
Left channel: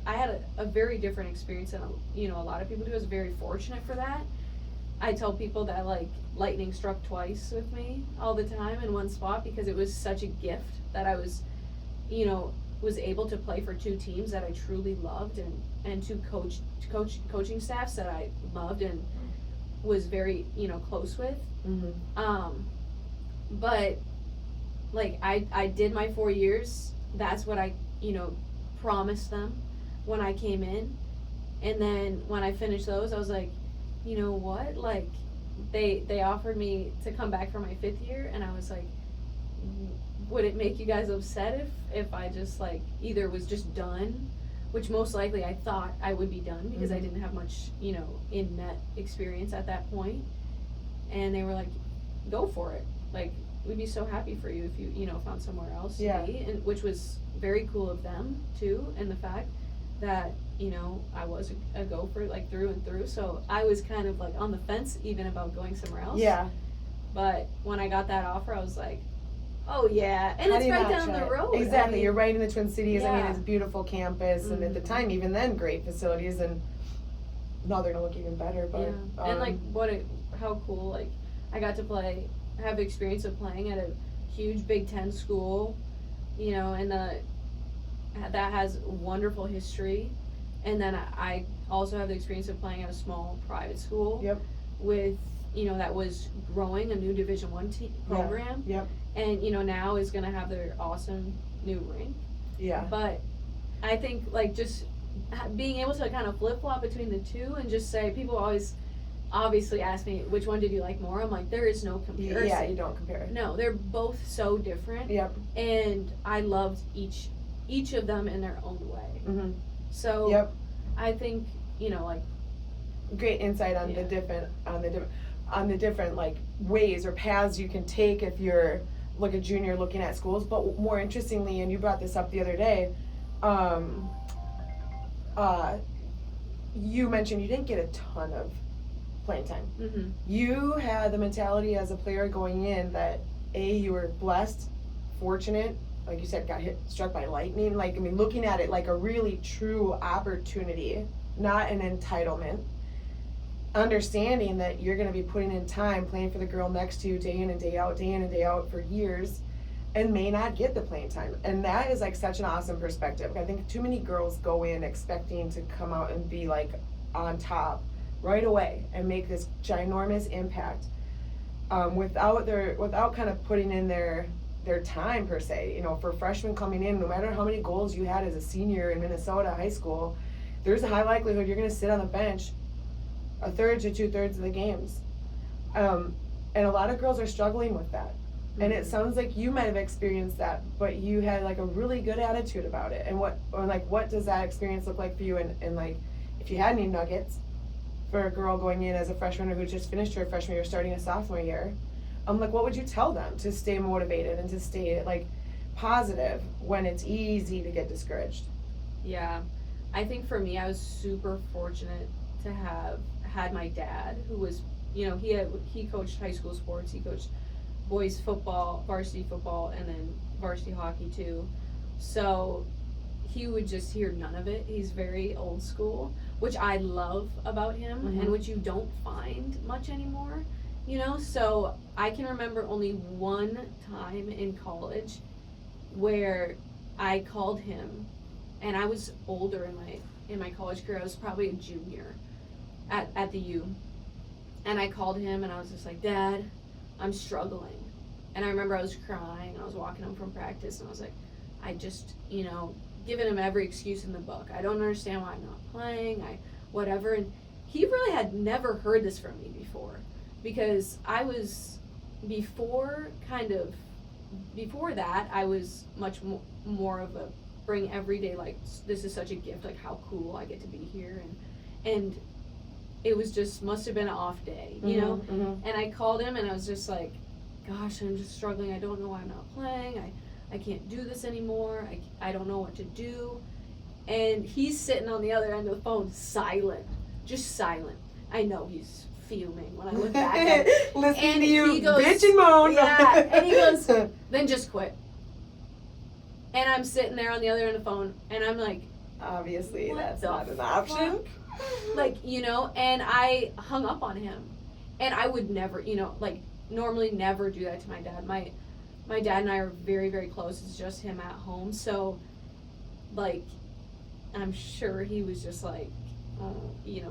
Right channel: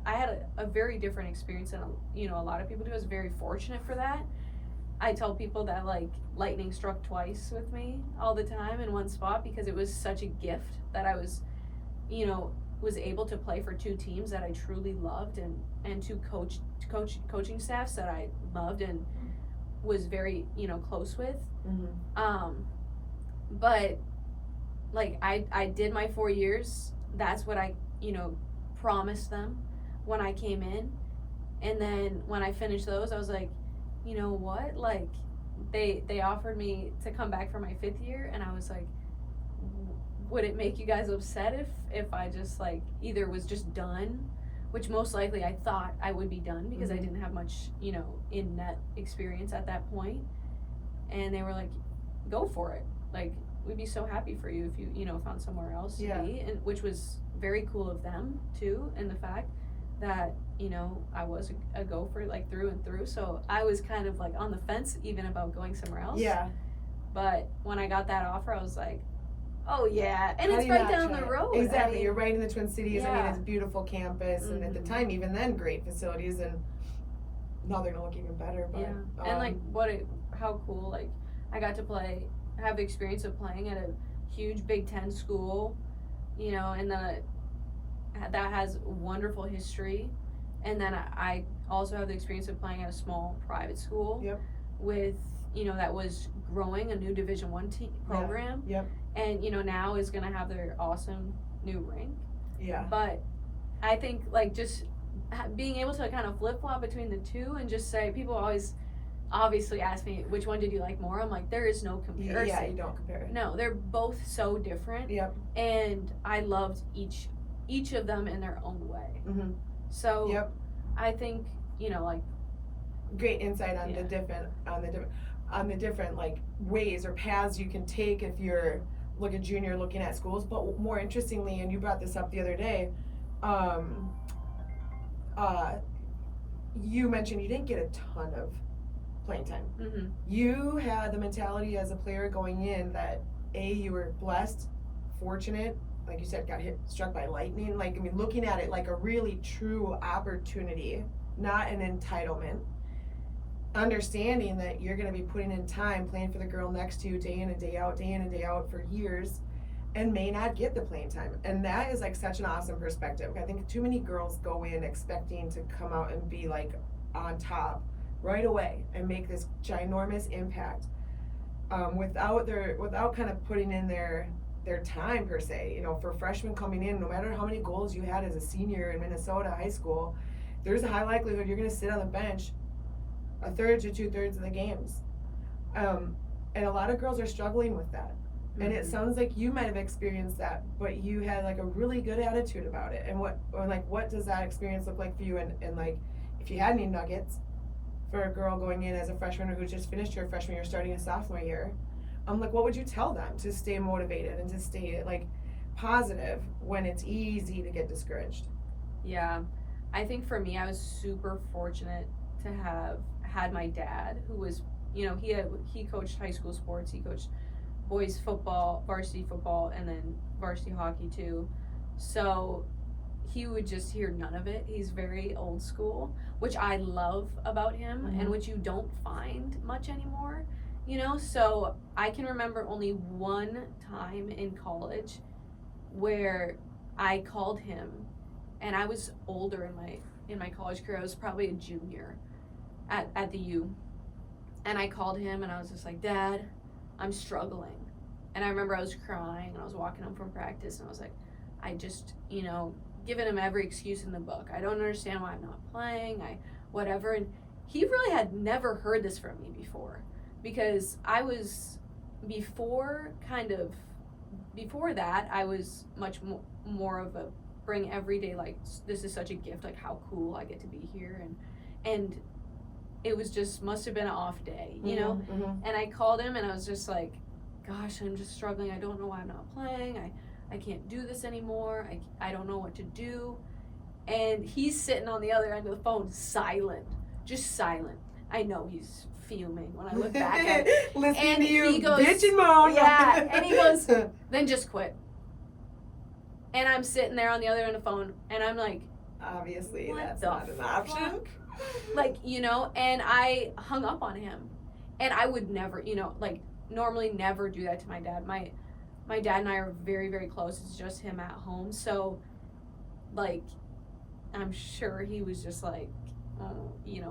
had a very different experience than, a lot of people do. I was very fortunate for that. I tell people that, like, lightning struck twice with me all the time in one spot because it was such a gift that I was, was able to play for 2 teams that I truly loved and 2 coaching staffs that I loved and was very, close with. But, like, I did my 4 years. That's what I, promised them when I came in. And then when I finished those, I was like, you know what, like, they offered me to come back for my 5th year, and I was like, would it make you guys upset if I just, like, either was just done, which most likely I thought I would be done because I didn't have much, in net experience at that point, and they were like, go for it, like, we'd be so happy for you if you, found somewhere else to be, and which was very cool of them too, and the fact that I was a gopher, like, through and through, so I was kind of like on the fence even about going somewhere else. Yeah. But when I got that offer, I was like, oh yeah, and it's right down the road. Exactly, I mean, you're right in the Twin Cities. I mean, yeah. it's a beautiful campus, and at the time, even then, great facilities, and now they're gonna look even better. But and like how cool! Like, I got to have experience of playing at a huge Big Ten school, and that has wonderful history. And then I also have the experience of playing at a small private school. Yep. With, that was growing a new Division I program. Yep. And, now is going to have their awesome new rink. Yeah. But I think, like, just being able to kind of flip-flop between the two and just say, people always obviously ask me, which one did you like more? I'm like, there is no comparison. Yeah, you don't compare. No, they're both so different. Yep. And I loved each of them in their own way. Mm-hmm. So Yep. I think, like, great insight on the different like ways or paths you can take if you're like a junior looking at schools. But more interestingly, and you brought this up the other day, you mentioned you didn't get a ton of playing time. Mm-hmm. You had the mentality as a player going in that you were blessed, fortunate, like you said, got struck by lightning. Like, I mean, looking at it like a really true opportunity, not an entitlement. Understanding that you're going to be putting in time playing for the girl next to you day in and day out for years, and may not get the playing time. And that is like such an awesome perspective. I think too many girls go in expecting to come out and be like on top right away and make this ginormous impact, without kind of putting in their time per se. For freshmen coming in, no matter how many goals you had as a senior in Minnesota high school, there's a high likelihood you're going to sit on the bench a third to 2/3 of the games, and a lot of girls are struggling with that. Mm-hmm. And it sounds like you might have experienced that, but you had like a really good attitude about it. And what does that experience look like for you? And like, if you had any nuggets for a girl going in as a freshman who just finished her freshman year, starting a sophomore year, like, what would you tell them to stay motivated and to stay like positive when it's easy to get discouraged? Yeah, I think for me, I was super fortunate to have had my dad, who was, he coached high school sports. He coached boys football, varsity football, and then varsity hockey too. So he would just hear none of it. He's very old school, which I love about him, mm-hmm. and which you don't find much anymore. So I can remember only one time in college where I called him, and I was older in my college career. I was probably a junior at the U, and I called him and I was just like, Dad, I'm struggling. And I remember I was crying and I was walking home from practice and I was like, I just, giving him every excuse in the book. I don't understand why I'm not playing, whatever. And he really had never heard this from me before, because I was, before that, I was much more of a bring every day, like, this is such a gift, like, how cool I get to be here. And it was just, must have been an off day, Mm-hmm. And I called him and I was just like, gosh, I'm just struggling. I don't know why I'm not playing. I can't do this anymore. I don't know what to do. And he's sitting on the other end of the phone, just silent. I know he's fuming when I look back at it. Listening to you bitch and moan. Yeah, and he goes, then just quit. And I'm sitting there on the other end of the phone, and I'm like, obviously that's not an option. Like, and I hung up on him. And I would never, normally never do that to my dad. My dad and I are very, very close. It's just him at home. So, like, I'm sure he was just like,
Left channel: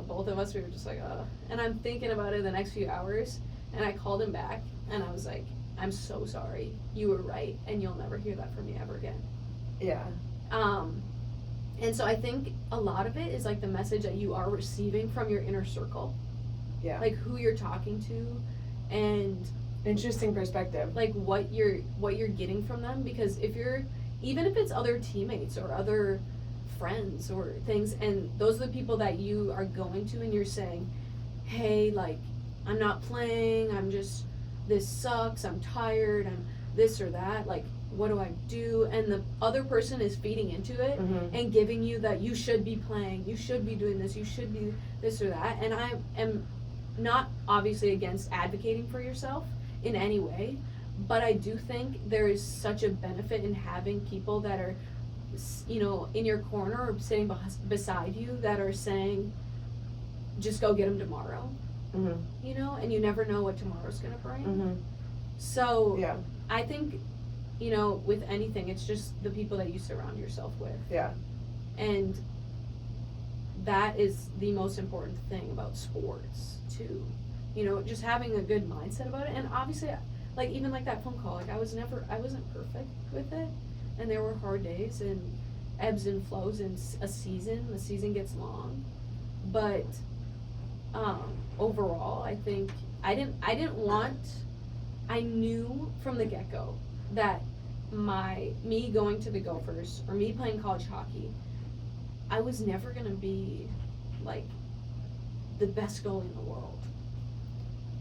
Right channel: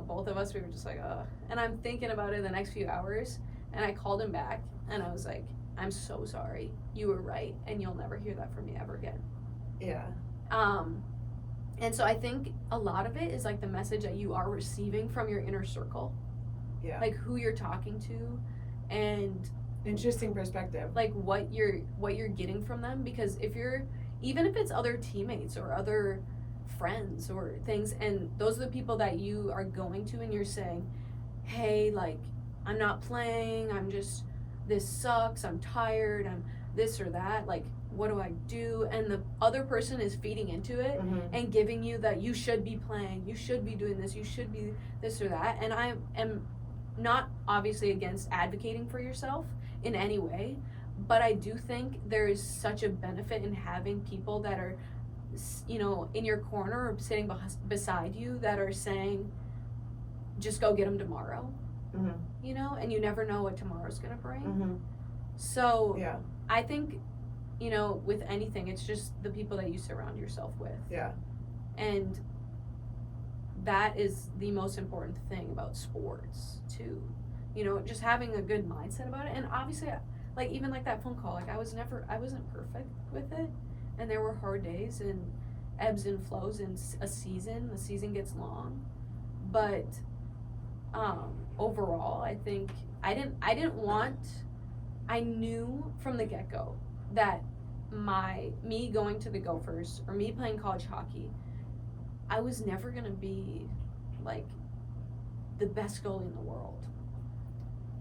both of us, we were just like, and I'm thinking about it the next few hours, and I called him back, and I was like, I'm so sorry. You were right, and you'll never hear that from me ever again. Yeah. And so I think a lot of it is like the message that you are receiving from your inner circle. Yeah. Like who you're talking to, and interesting perspective. Like what you're getting from them, because even if it's other teammates or other friends or things, and those are the people that you are going to and you're saying, hey, like, I'm not playing, this sucks, I'm tired, I'm this or that, like, what do I do? And the other person is feeding into it, mm-hmm. and giving you that you should be playing, you should be doing this, you should be this or that. And I am not obviously against advocating for yourself in any way, but I do think there is such a benefit in having people that are, in your corner or sitting beside you that are saying, just go get them tomorrow. Mm-hmm. And you never know what tomorrow's gonna bring. Mm-hmm. So yeah. I think, with anything, it's just the people that you surround yourself with. Yeah. And that is the most important thing about sports too. You know, just having a good mindset about it. And obviously, like even like that phone call, like I wasn't perfect with it, and there were hard days and ebbs and flows in the season gets long, but overall I think I knew from the get-go that me going to the Gophers or me playing college hockey, I was never gonna be like the best goalie in the world.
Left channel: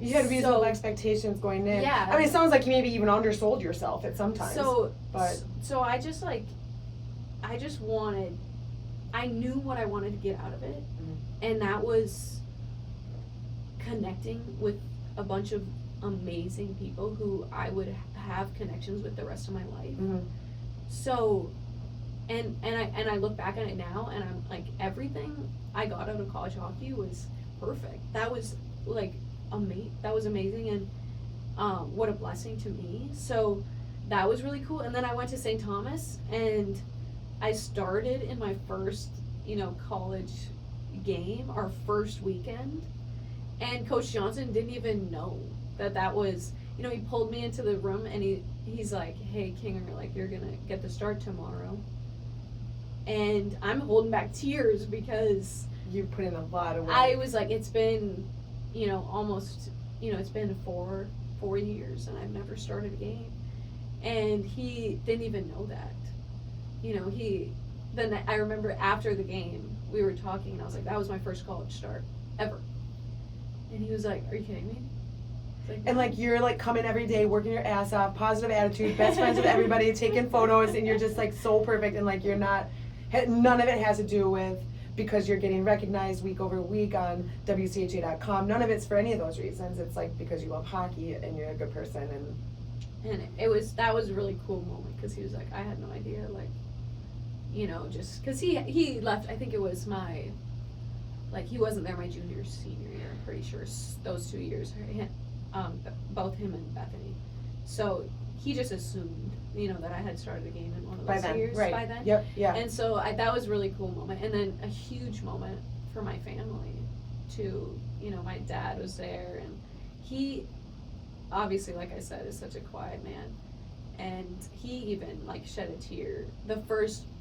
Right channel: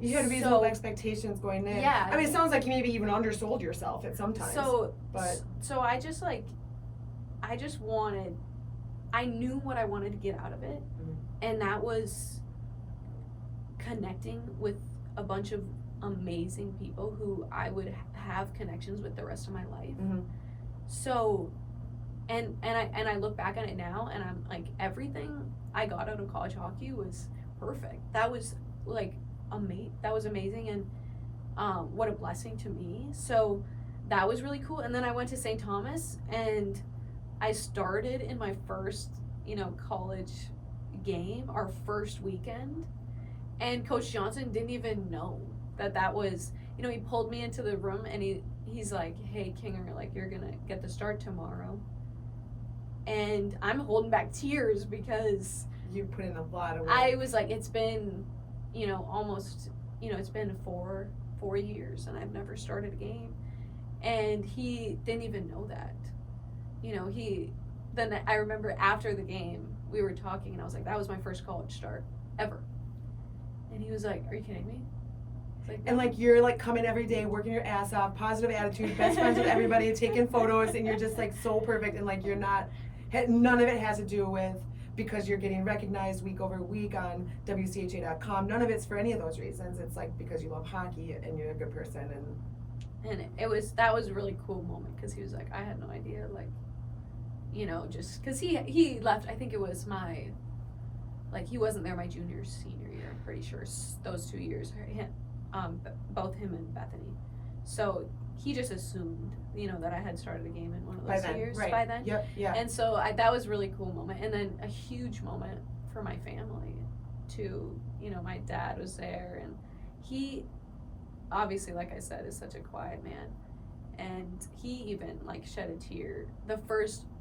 You had reasonable expectations going in. Yeah. I mean, it sounds like you maybe even undersold yourself at some times. So I knew what I wanted to get out of it, and that was connecting with a bunch of amazing people who I would have connections with the rest of my life. Mm-hmm. So, and I look back on it now, and I'm like, everything I got out of college hockey was perfect. That was like that was amazing, and what a blessing to me. So that was really cool. And then I went to St. Thomas, and I started in my first, college game, our first weekend, and Coach Johnson didn't even know that was, he pulled me into the room, and he's like, hey, Kinger, like, you're gonna get the start tomorrow. And I'm holding back tears because you put in a lot of work. I was like, it's been, almost, it's been four years, and I've never started a game. And he didn't even know that. Then I remember after the game, we were talking, and I was like, that was my first college start ever. And he was like, are you kidding me? Like, and like you're like coming every day, working your ass off, positive attitude, best friends with everybody, taking photos, and you're just like so perfect, and like you're not, none of it has to do with because you're getting recognized week over week on WCHA.com. None of it's for any of those reasons. It's like because you love hockey and you're a good person. And that was a really cool moment, because he was like, I had no idea, like, just because he left. I think it was he wasn't there my junior senior year. I'm pretty sure those 2 years, both him and Bethany. So he just assumed, that I had started a game in one of those years by then. Yep, yeah. And so that was a really cool moment, and then a huge moment for my family too. My dad was there, and he obviously, like I said, is such a quiet man, and he even like shed a tear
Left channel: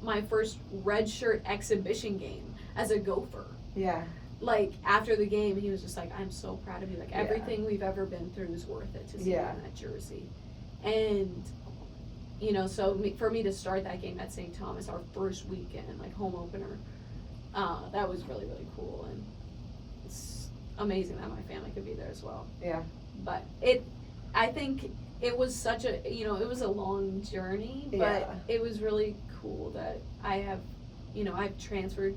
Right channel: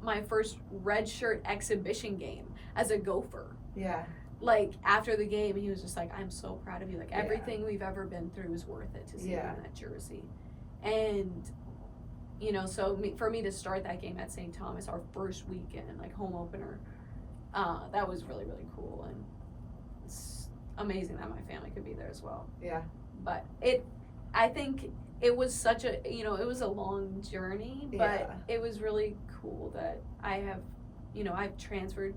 my first red shirt exhibition game as a Gopher. Yeah. Like after the game, he was just like, I'm so proud of you, like everything we've ever been through is worth it to see you in that jersey. And so for me to start that game at St. Thomas, our first weekend, like home opener, that was really, really cool, and it's amazing that my family could be there as well. Yeah. But I think it was such a, it was a long journey, but it was really cool that I have, I've transferred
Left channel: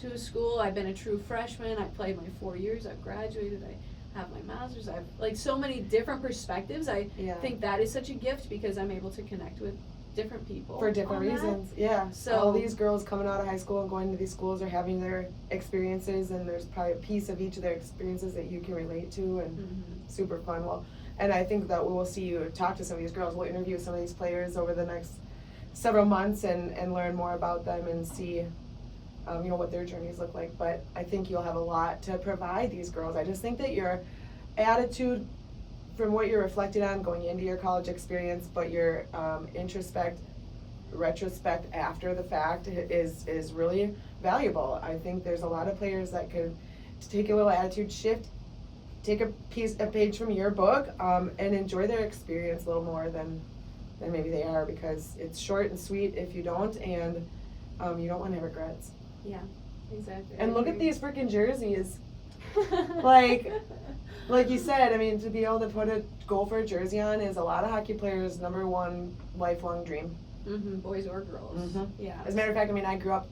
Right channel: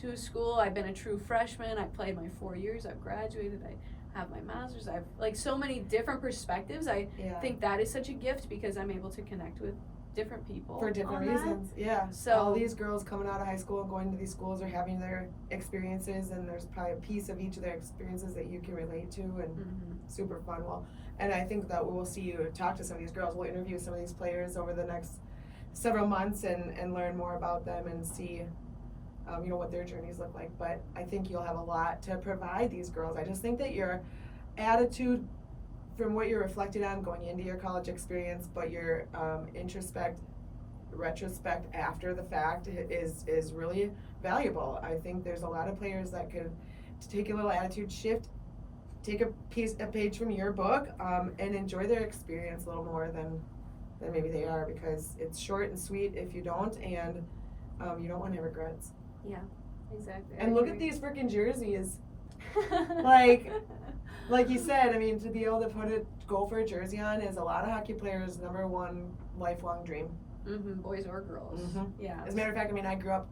to a school. I've been a true freshman. I've played my 4 years. I've graduated. I have my master's. I've like so many different perspectives. I think that is such a gift, because I'm able to connect with different people for different reasons. Yeah. So all these girls coming out of high school and going to these schools are having their experiences, and there's probably a piece of each of their experiences that you can relate to, and super fun. Well, and I think that we'll see you talk to some of these girls. We'll interview some of these players over the next several months and learn more about them and see what their journeys look like. But I think you'll have a lot to provide these girls. I just think that your attitude, from what you're reflecting on going into your college experience, but your retrospect after the fact is really valuable. I think there's a lot of players that could take a little attitude shift, take a page from your book, and enjoy their experience a little more than maybe they are, because it's short and sweet if you don't, and you don't want any regrets. Yeah, exactly. And look at these freaking jerseys. Like you said, I mean, to be able to put a Gopher jersey on is a lot of hockey players' number one lifelong dream. Boys or girls. Yeah. As a matter of fact, I mean, I grew up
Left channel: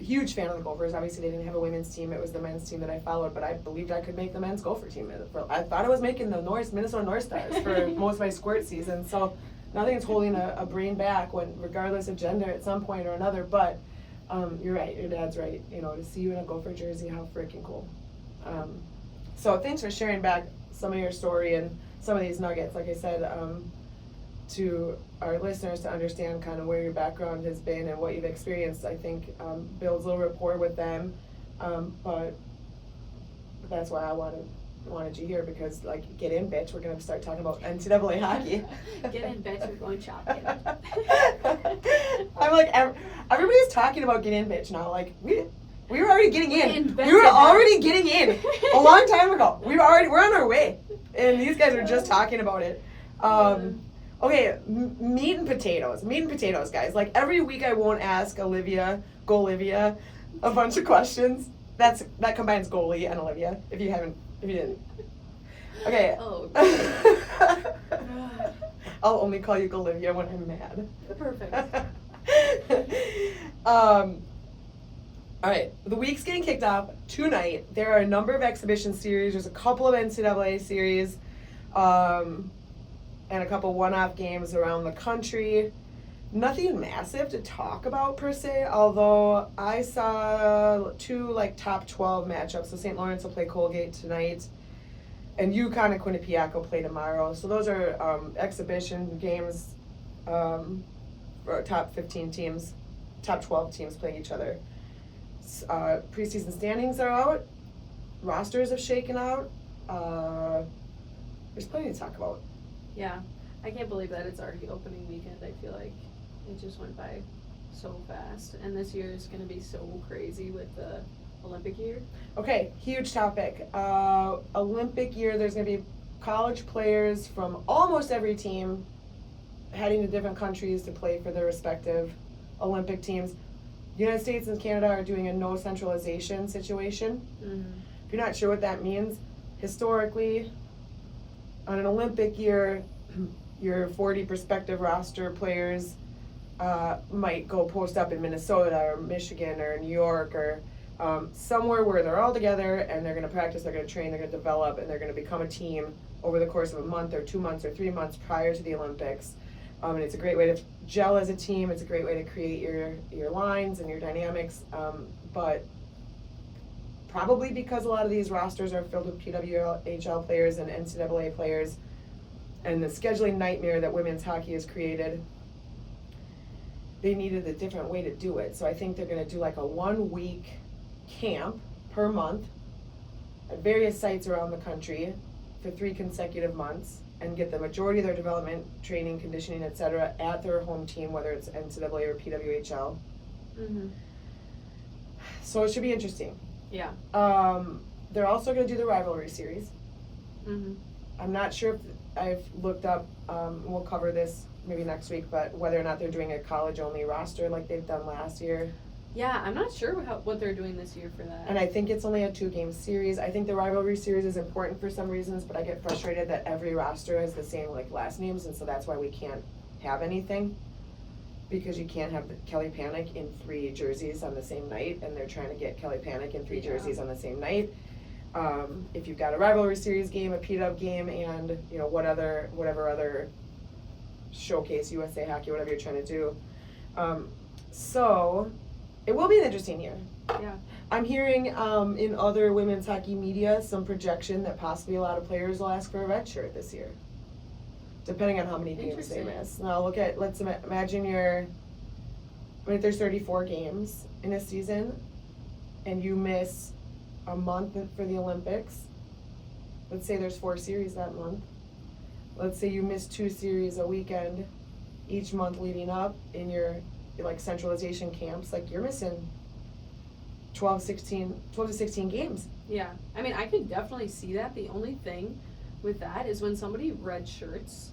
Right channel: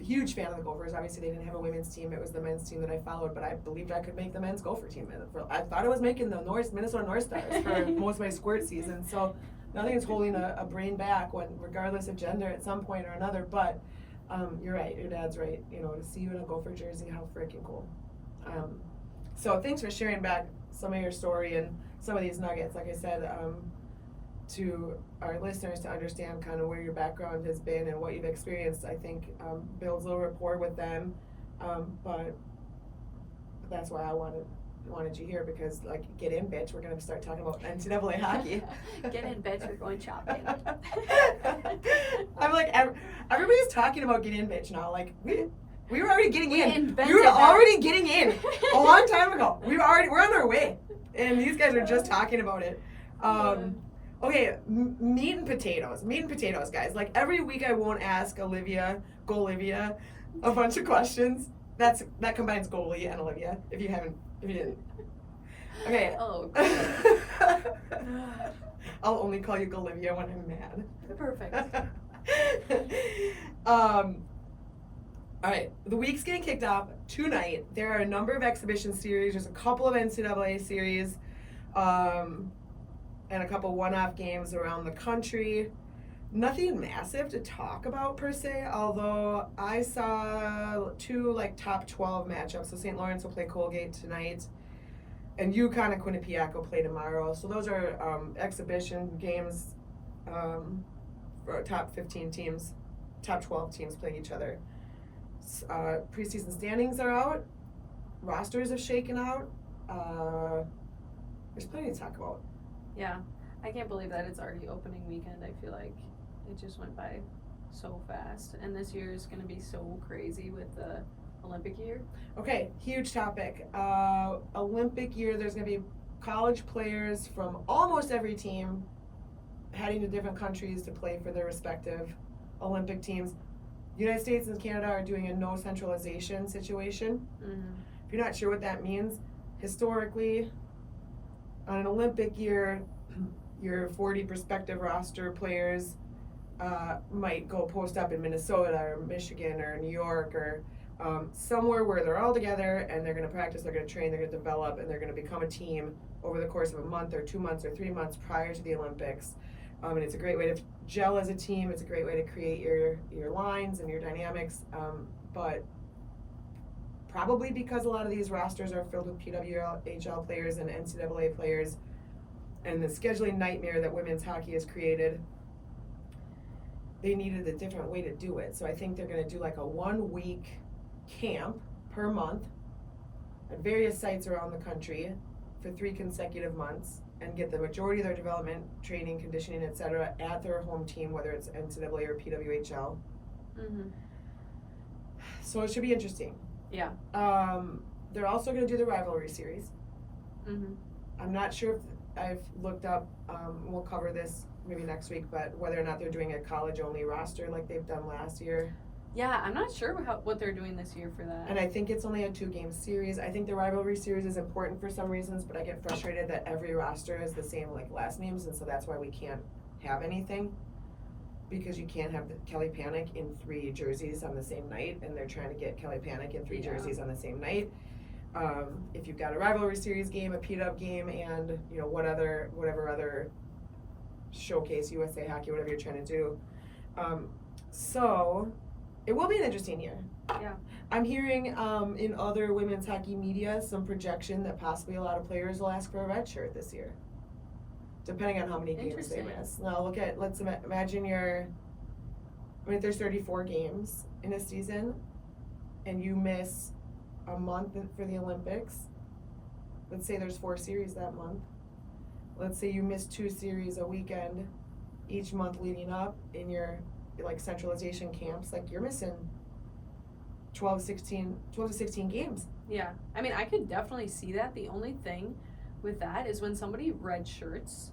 huge fan of the Gophers. Obviously, they didn't have a women's team. It was the men's team that I followed, but I believed I could make the men's Gopher team. I thought I was making the Minnesota North Stars for most of my squirt season. So nothing's holding a brain back, regardless of gender at some point or another. But you're right. Your dad's right. To see you in a Gopher jersey, how freaking cool. So thanks for sharing back some of your story and some of these nuggets. Like I said, to our listeners to understand kind of where your background has been and what you've experienced, I think builds a little rapport with them, But that's why I wanted you here, because like, get in, bitch. We're gonna start talking about NCAA hockey. Get in, bitch. We're going shopping. I'm like, everybody's talking about get in, bitch now. Like we were already getting We in. invented We were that. already getting in a long time ago. We're on our way, and these guys are just talking about it. Okay, meat and potatoes, guys. Like every week, I won't ask Olivia, a bunch of questions. That combines goalie and Olivia. If you didn't. Okay. Oh. I'll only call you Olivia when I'm mad. Perfect. All right, the week's getting kicked off tonight. There are a number of exhibition series. There's a couple of NCAA series, and a couple one-off games around the country. Nothing massive to talk about per se, although I saw 2 like top 12 matchups. So St. Lawrence will play Colgate tonight, and UConn and Quinnipiac will play tomorrow. So those are exhibition games for top 15 teams, top 12 teams playing each other. Preseason standings are out. Rosters have shaken out. There's plenty to talk about. Yeah, I can't believe that it's already opening weekend. I feel like it just went by so fast, and this year is going to be so crazy with the Olympic year. Okay, huge topic. Olympic year, there's going to be college players from almost every team heading to different countries to play for their respective Olympic teams. The United States and Canada are doing a no centralization situation. Mm-hmm. If you're not sure what that means, historically, on an Olympic year, your 40 prospective roster players might go post up in Minnesota or Michigan or New York or somewhere where they're all together, and they're going to practice, they're going to train, they're going to develop, and they're going to become a team over the course of a month or 2 months or 3 months prior to the Olympics. And it's a great way to gel as a team. It's a great way to create your lines and your dynamics. But probably because a lot of these rosters are filled with PWHL players and NCAA players, and the scheduling nightmare that women's hockey has created, they needed a different way to do it. So I think they're going to do like a 1-week camp per month at various sites around the country for 3 consecutive months, and get the majority of their development, training, conditioning, etc. at their home team, whether it's NCAA or PWHL. Mm-hmm. So it should be interesting. Yeah. They're also going to do the rivalry series. Mm-hmm. I'm not sure if I've looked up, we'll cover this maybe next week, but whether or not they're doing a college-only roster like they've done last year. Yeah, I'm not sure what they're doing this year for that. And I think it's only a 2-game series. I think the rivalry series is important for some reasons, but I get frustrated that every roster has the same like last names, and so that's why we can't have anything. Because you can't have Kelly Panic in 3 jerseys on the same night, and they're trying to get Kelly Panic in 3 jerseys on the same night. If you've got a rivalry series game, a P-Dub game, and you know whatever other showcase USA Hockey, whatever you're trying to do. So it will be an interesting year. Yeah. I'm hearing in other women's hockey media some projection that possibly a lot of players will ask for a red shirt this year, depending on how many games they miss. Now let's imagine there's 34 games in a season, and you miss a month for the Olympics. Let's say there's 4 series that month. Let's say you miss 2 series a weekend each month leading up in your like centralization camps. Like you're missing 12 to 16 games. Yeah, I mean, I could definitely see that. The only thing with that is when somebody red shirts,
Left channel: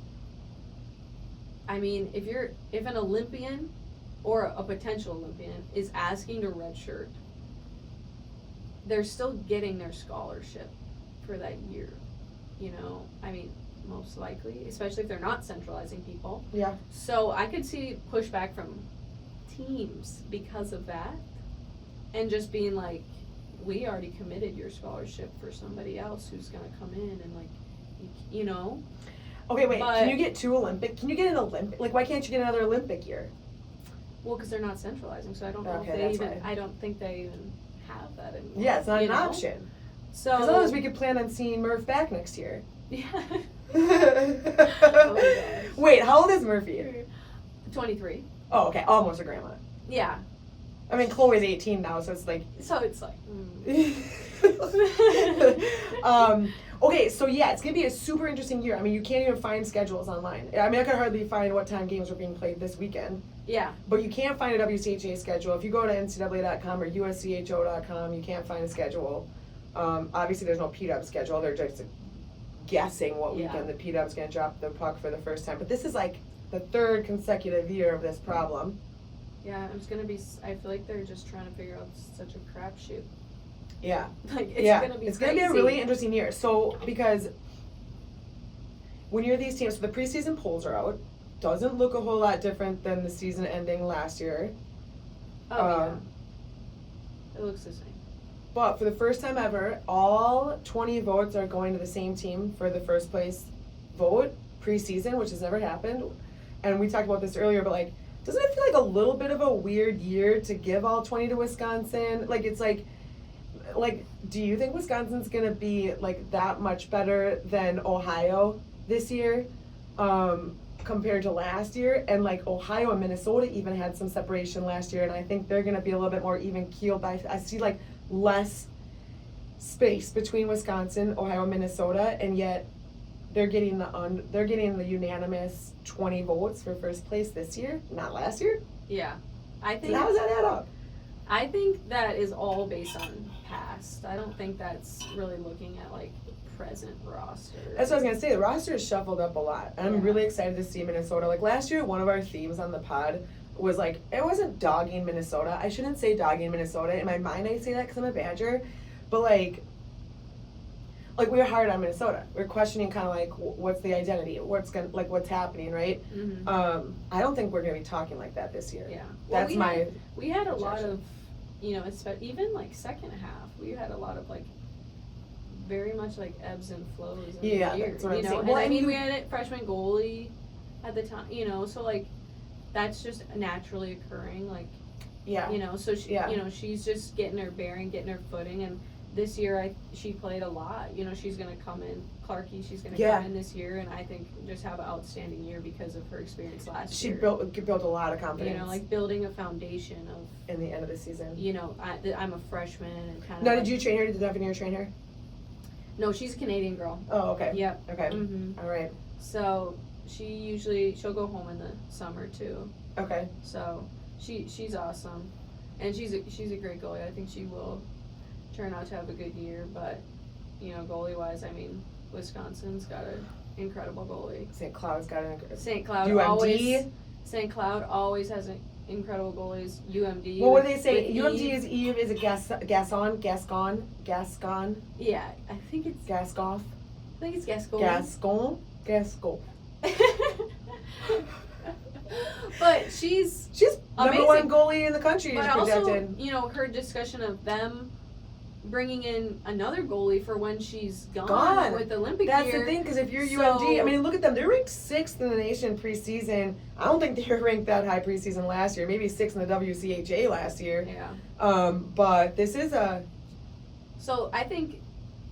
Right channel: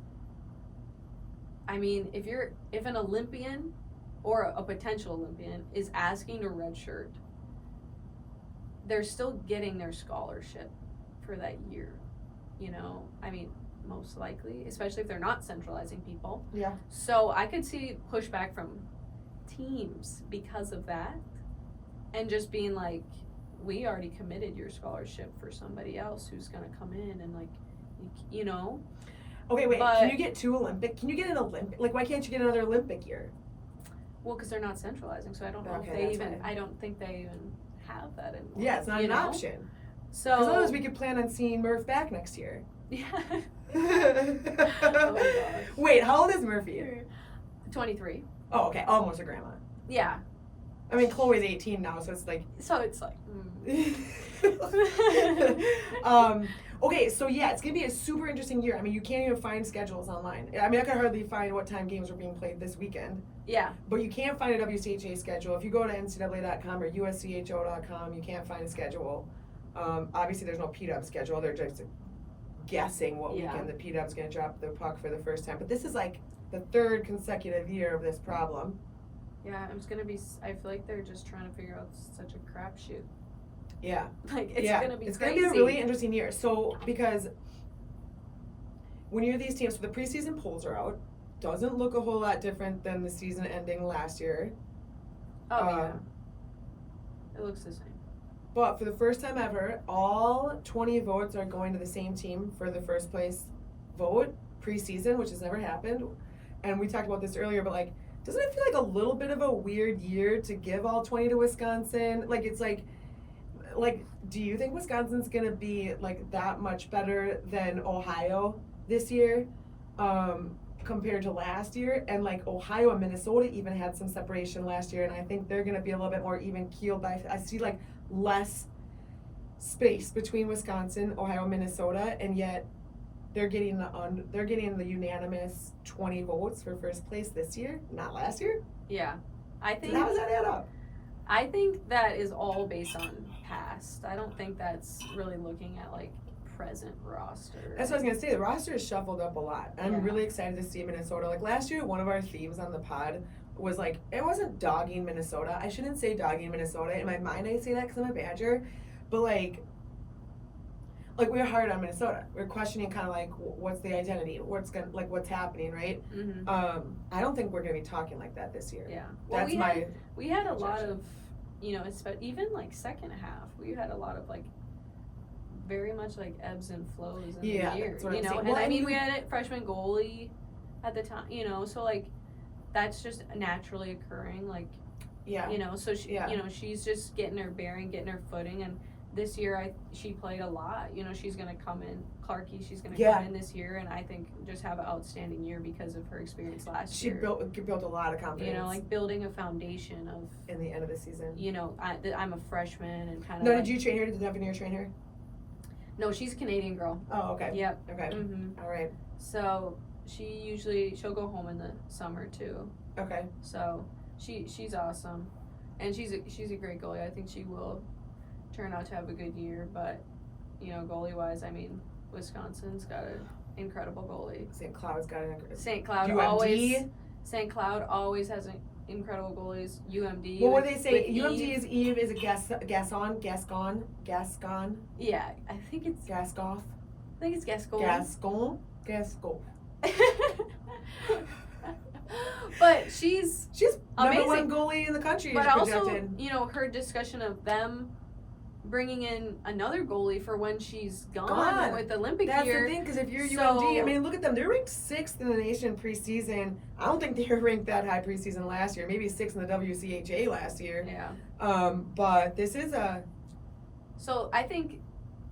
I mean, if an Olympian or a potential Olympian is asking to red shirt, they're still getting their scholarship for that year, you know? I mean, most likely, especially if they're not centralizing people. Yeah. So I could see pushback from teams because of that, and just being like, we already committed your scholarship for somebody else who's gonna come in, and like, you know. Okay, wait. But, can you get an Olympic? Like, why can't you get another Olympic year? well, because they're not centralizing, so I don't know Okay, if they that's even. why. I don't think they even have that anymore. Yeah, it's not you an know? option. So As long as we could plan on seeing Murph back next year. Yeah. Oh, gosh. Wait, how old is Murphy? 23. Oh, okay, almost a grandma. Yeah. I mean, Chloe's 18 now, so it's like. Okay, so yeah, it's gonna be a super interesting year. I mean, you can't even find schedules online. I mean, I could hardly find what time games are being played this weekend. Yeah. But you can't find a WCHA schedule. If you go to NCAA.com or USCHO.com, you can't find a schedule. Obviously, there's no PDUB schedule. They're just guessing what weekend the PDUB's gonna drop the puck for the first time. But this is like the third consecutive year of this problem. Yeah, it's gonna be. I feel like they're just trying to figure out such a crapshoot. Yeah. Like it's gonna be. It's crazy. gonna be a really interesting year. So because when you're these teams, so the preseason polls are out. Doesn't look a whole lot different than the season ending last year. Oh yeah. It looks the same. But for the first time ever, all 20 votes are going to the same team for the first place vote preseason, which has never happened. And we talked about this earlier, but like, doesn't it feel like a little bit of a weird year to give all 20 to Wisconsin? Like, it's like, do you think Wisconsin's gonna be like that much better than Ohio this year, compared to last year? And like Ohio and Minnesota even had some separation last year, and I think they're gonna be a little bit more even keeled. But I see like less space between Wisconsin, Ohio, and Minnesota, and yet they're getting the unanimous 20 votes for first place this year, not last year. Yeah, I think. So how does that add up? I think that is all based on past. I don't think that's really looking at like present roster. That's what I was gonna say. The roster is shuffled up a lot, and I'm really excited to see Minnesota. Like last year, one of our themes on the pod was like, it wasn't dogging Minnesota. I shouldn't say dogging Minnesota. In my mind, I say that because I'm a Badger, but like we were hard on Minnesota. We were questioning kind of like what's the identity, what's happening, right? Mm-hmm. I don't think we're gonna be talking like that this year. Yeah, well, we had a lot of, even like second half, we had a lot of like very much like ebbs and flows of the year, that's what I'm saying. And well, I mean, we had a freshman goalie at the time, so like that's just naturally occurring, like, so she, she's just getting her bearing, getting her footing, and this year she played a lot, she's gonna come in, she's gonna come in this year, and I think just have an outstanding year because of her experience last year. She built a lot of confidence. Like building a foundation of. In the end of the season. I'm a freshman and kind of. No, did you train her? Did Devanir train her? No, she's a Canadian girl. Oh, okay. Yep. Okay. Mm-hmm. All right. So she'll go home in the summer too. Okay. So she's awesome, and she's a great goalie. I think she will turn out to have a good year, but goalie wise, I mean, Wisconsin's got an incredible goalie. St. Cloud's got an St. Cloud UMD. St. Cloud always has an incredible goalies. UMD. Well, what do they say? UMD is Eve. Is it Gascon? Yeah, I think it's Gascoff. I think it's Gascon. Gascon. But she's number amazing. one goalie in the country. But projected. also, her discussion of them bringing in another goalie for when she's gone. With Olympic That's year. That's the thing, because if you're UMD, I mean, look at them. They're ranked 6th in the nation preseason. I don't think they were ranked that high preseason last year. Maybe 6th in the WCHA last year. Yeah. But this is a. So I think,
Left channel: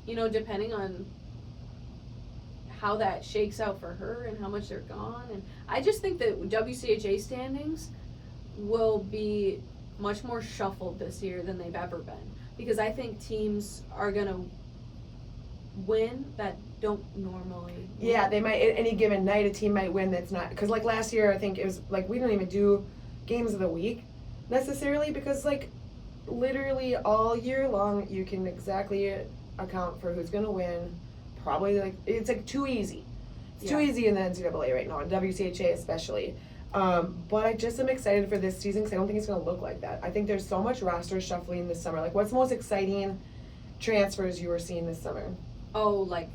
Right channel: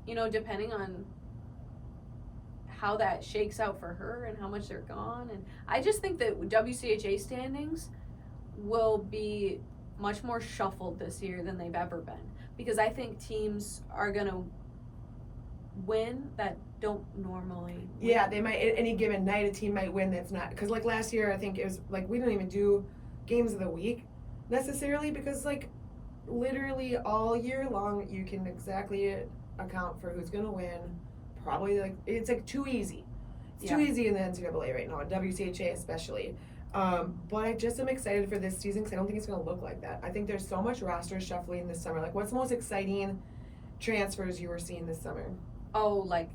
depending on how that shakes out for her and how much they're gone, and I just think that WCHA standings will be much more shuffled this year than they've ever been. Because I think teams are going to win that don't normally win. Yeah, they might, any given night, a team might win that's not. Because, like, last year, I think it was, like, we don't even do games of the week necessarily because, like, literally all year long, you can exactly account for who's going to win. Probably, like, it's, like, too easy. It's too easy in the NCAA right now, and WCHA especially. But I just am excited for this season because I don't think it's going to look like that. I think there's so much roster shuffling this summer. Like, what's the most exciting transfers you were seeing this summer? Oh, like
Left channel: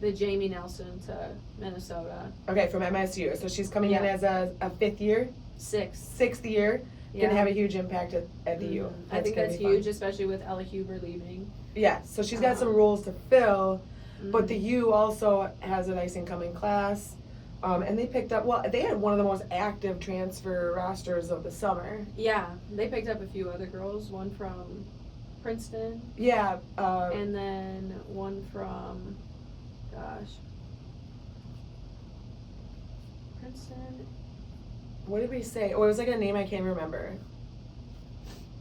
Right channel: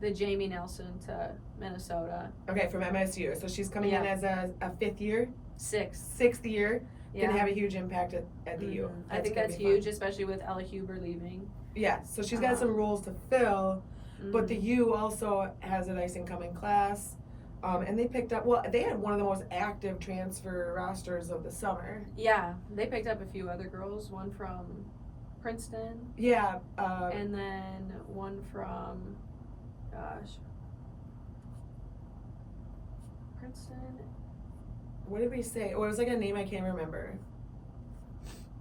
the Jamie Nelson to Minnesota. Okay, from MSU. So she's coming in as a 5th year? Sixth year. Going to have a huge impact at the U. I think that's huge, especially with Ella Huber leaving. Yeah, so she's got some roles to fill, but the U also has a nice incoming class. And they picked up, they had one of the most active transfer rosters of the summer. Yeah, they picked up a few other girls, one from Princeton. Yeah. And then one from, Princeton. What did we say? Oh, it was like a name I can't remember.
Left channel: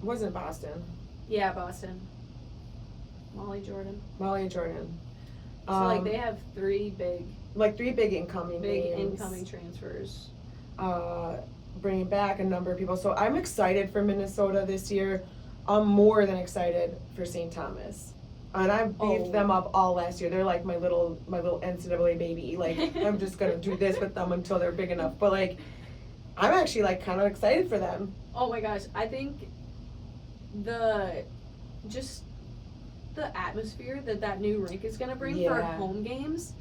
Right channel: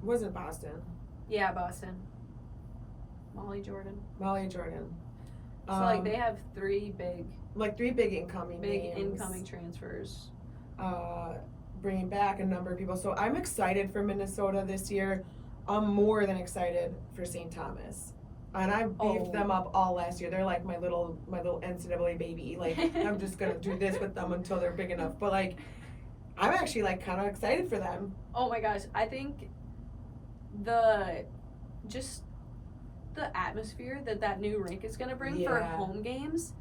wasn't Boston. Yeah, Boston. Molly Jordan. So So like they have three big incoming names. transfers. Bringing back a number of people. So I'm excited for Minnesota this year. I'm more than excited for St. Thomas. And I've beefed them up all last year. They're like my little NCAA baby. Like, I'm just gonna do this with them until they're big enough. But like, I'm actually like kind of excited for them. Oh my gosh, I think the atmosphere that new rink is gonna bring for home games.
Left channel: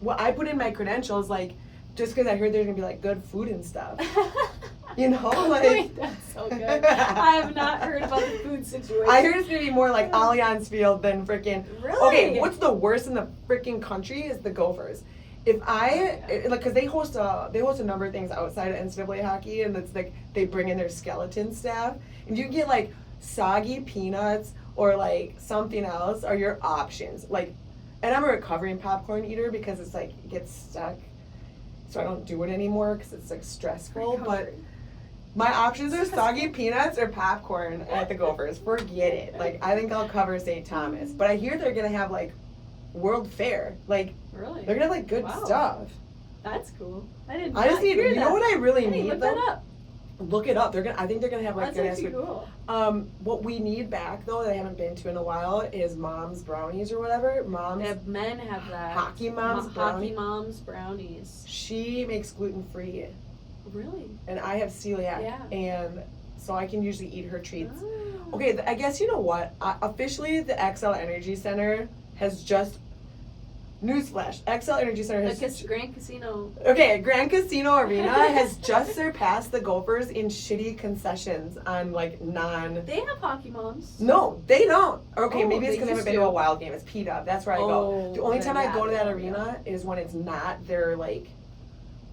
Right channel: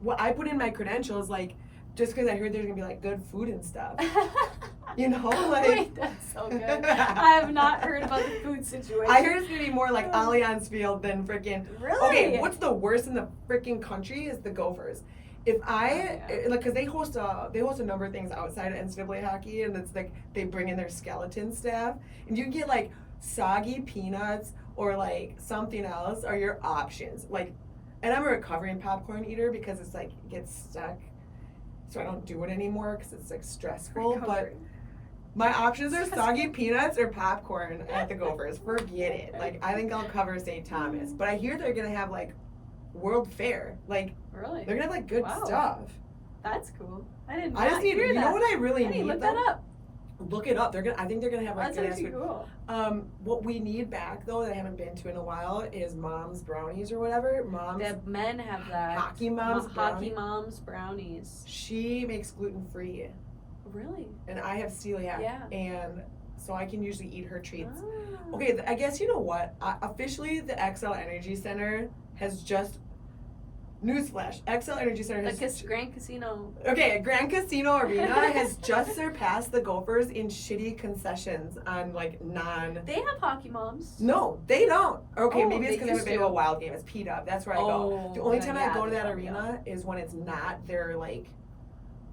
Well, I put in my credentials like just because I heard there's gonna be like good food and stuff. You know, like Wait, that's so good. I have not heard about the food situation. I heard it's gonna be more like Allianz Field than freaking. Really? Okay, what's the worst in the freaking country is the Gophers. If because they host a number of things outside of NCAA hockey, and it's like they bring in their skeleton staff, and you can get like soggy peanuts or like something else are your options. Like, and I'm a recovering popcorn eater because it's like it gets stuck, so I don't do it anymore because it's like stressful. But my options are soggy peanuts or popcorn at the Gophers. Forget it. Like, I think I'll cover St. Thomas. But I hear they're gonna have like World Fair. Like, really? they're gonna have like good stuff. That's cool. I just need. You know what I really need? Look that up. Look it up. I think they're gonna have like. That's actually cool. What we need back though that I haven't been to in a while is Mom's Brownies or whatever. Men have that. Hockey Mom's Hockey Mom's Brownies. She makes gluten free. Really? And I have celiac. Yeah. And so I can usually eat her treats. Oh. Okay, I guess you know what? Officially, the XL Energy Center has just. Newsflash: XL Energy Center has. Grand Casino. Okay, Grand Casino Arena has just surpassed the Gophers in shitty concessions on like non. They have Hockey Moms. No, they don't. Okay, maybe it's because they I haven't used been to to. a Wild game. It's P-Dub. That's where I go. The only time I go to that yeah. arena is when it's not their like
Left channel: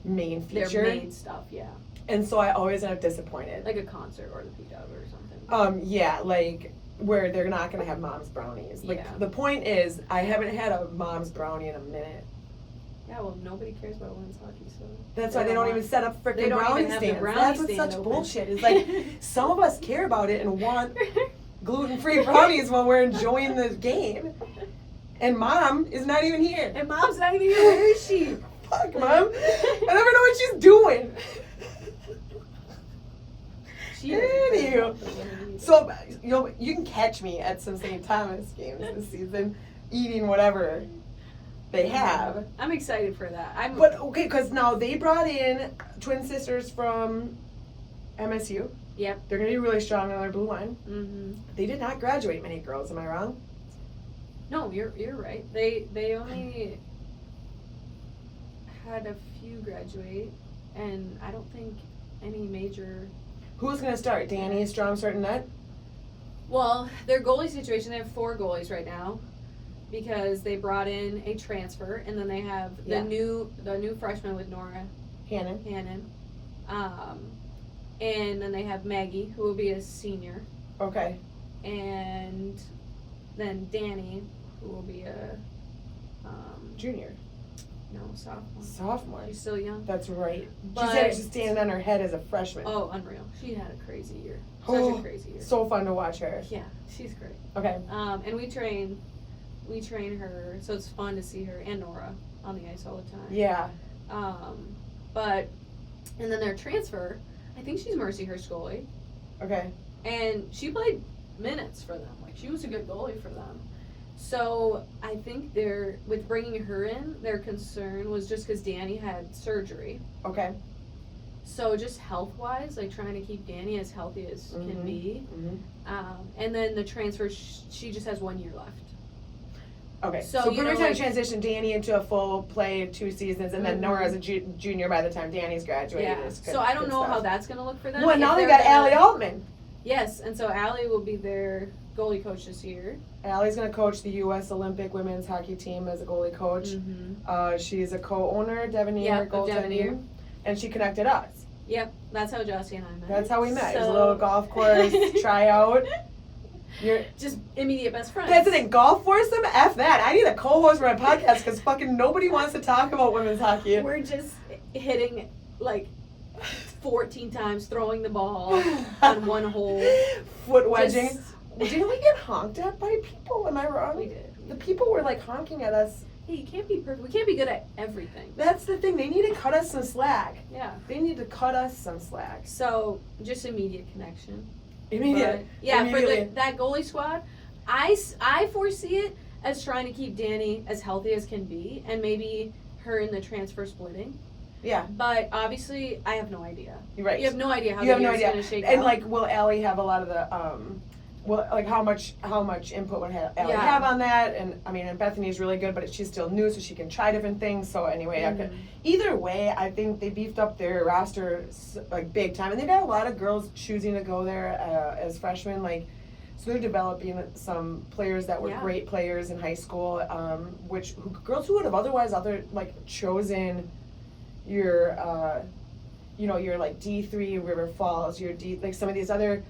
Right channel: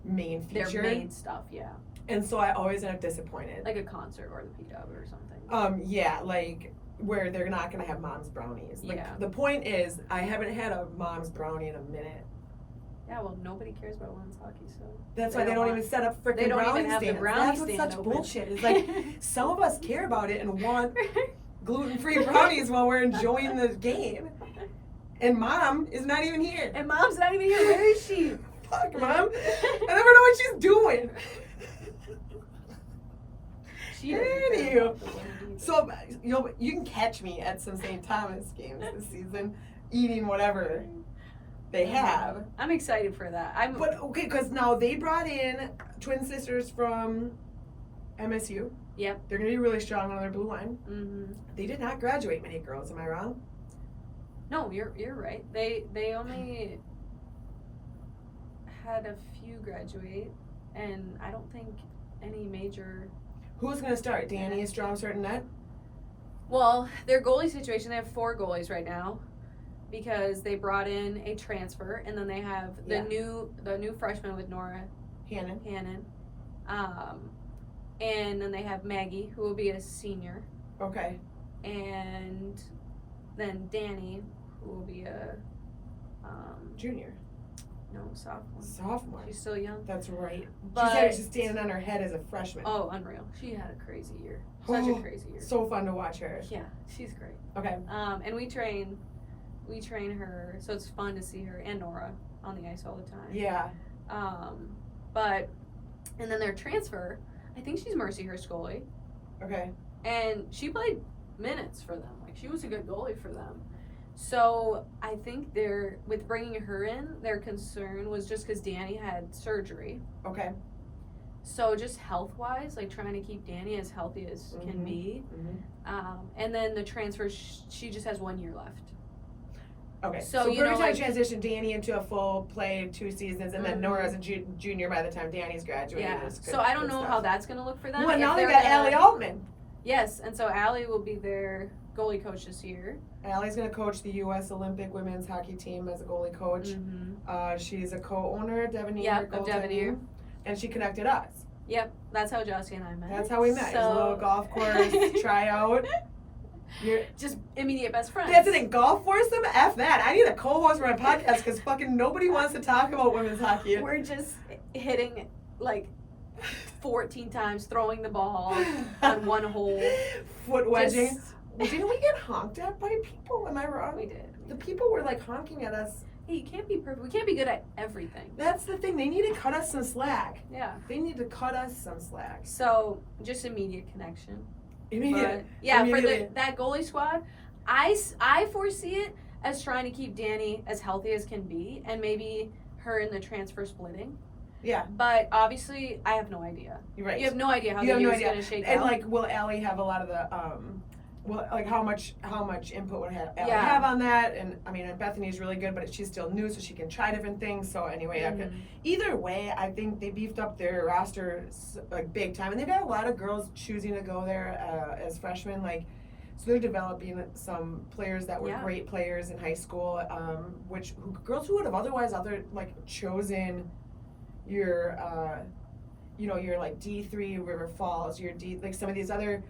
main feature. Their main stuff, yeah. And so I always end up disappointed. Like a concert or the P-Dub or something. Yeah, like where they're not gonna have Mom's Brownies. Like the point is, I haven't had a Mom's Brownie in a minute. Yeah, well, nobody cares about women's hockey, so. That's why they don't even set up freaking brownie stands. That's what's such bullshit. It's like some of us care about it and want gluten-free brownies while we're enjoying the game, and Mom is not even here. And Mom's not even here. Where is she? Fuck, Mom. I never know what she's doing. So you can catch me at some St. Thomas games this season, eating whatever they have. I'm excited for that. But okay, because now they brought in twin sisters from MSU. Yep. They're gonna be really strong on their blue line. Mm-hmm. They did not graduate many girls. Am I wrong? No, you're right. They only had a few graduate, and I don't think any major. Who's gonna start? Danny Strom starting net? Well, their goalie situation, they have 4 goalies right now because they brought in a transfer, and then they have the new freshman with Nora Hannon. And then they have Maggie, who will be a senior, Okay. and then Danny, who will be a Junior. no, sophomore. Sophomore. She's still young. That's right. But She said it should stand on her head as a freshman. oh, unreal. She had a crazy year. Such a crazy year. So fun to watch her. Yeah, she's great. Okay. And we train her, so it's fun to see her and Nora on the ice all the time. Yeah. And then their transfer, I think she's Mercy Hurst goalie, Okay. and she played minutes for them. Like, she was a good goalie for them. So I think with bringing her in, their concern was just because Danny had surgery. Okay. So just health-wise, like trying to keep Danny as healthy as can be. Mm-hmm. And then the transfer, she just has 1 year left. Okay. So, So you know, perfect time like- to transition Danny into a full play of 2 seasons, and then Mhm. Nora as a junior by the time Danny's graduated. Yeah. It's good- So I don't good know how stuff. that's gonna look for them. Well, if now they they're got gonna- Allie Altman. Yes, and so Allie will be their goalie coach this year. Allie's going to coach the U.S. Olympic women's hockey team as a goalie coach. Mm-hmm. She's a co-owner, Devanir Yep, of goaltending, Devanir. and she connected us. Yep, that's how Josie and I met. That's how we met. It was a So- little golf course tryout. You're just immediate best friends. That's the thing. Golf foursome? F that. I need a co-host for my podcast because fucking nobody wants to talk about women's hockey. We're just hitting like 14 times throwing the ball on one hole. Foot wedging. Just- Didn't we get honked at by people? Am I wrong? We did. The people were like honking at us. Hey, you can't be perfect. We can't be good at everything. That's the thing. They need to cut us some slack. Yeah. They need to cut us some slack. So just immediate connection. Immediate. But, yeah, for Immediately. that goalie squad, I foresee it as trying to keep Danny as healthy as can be, and maybe her in the transfer splitting. Yeah. But obviously, I have no idea. You're right. You have no idea how You the have no year's idea. going to shake And out. like, will Allie have a lot of the well, like how much input would Allie Yeah. have on that? And I mean, and Bethany's really good, but she's still new, so she can try different things. So anyway, either way, I think they beefed up their roster like big time, and they've had a lot of girls choosing to go there as freshmen. Like, so they're developing some players that were Yeah. great players in high school, girls who would have otherwise chosen your your like D3 River Falls, your like some of these other,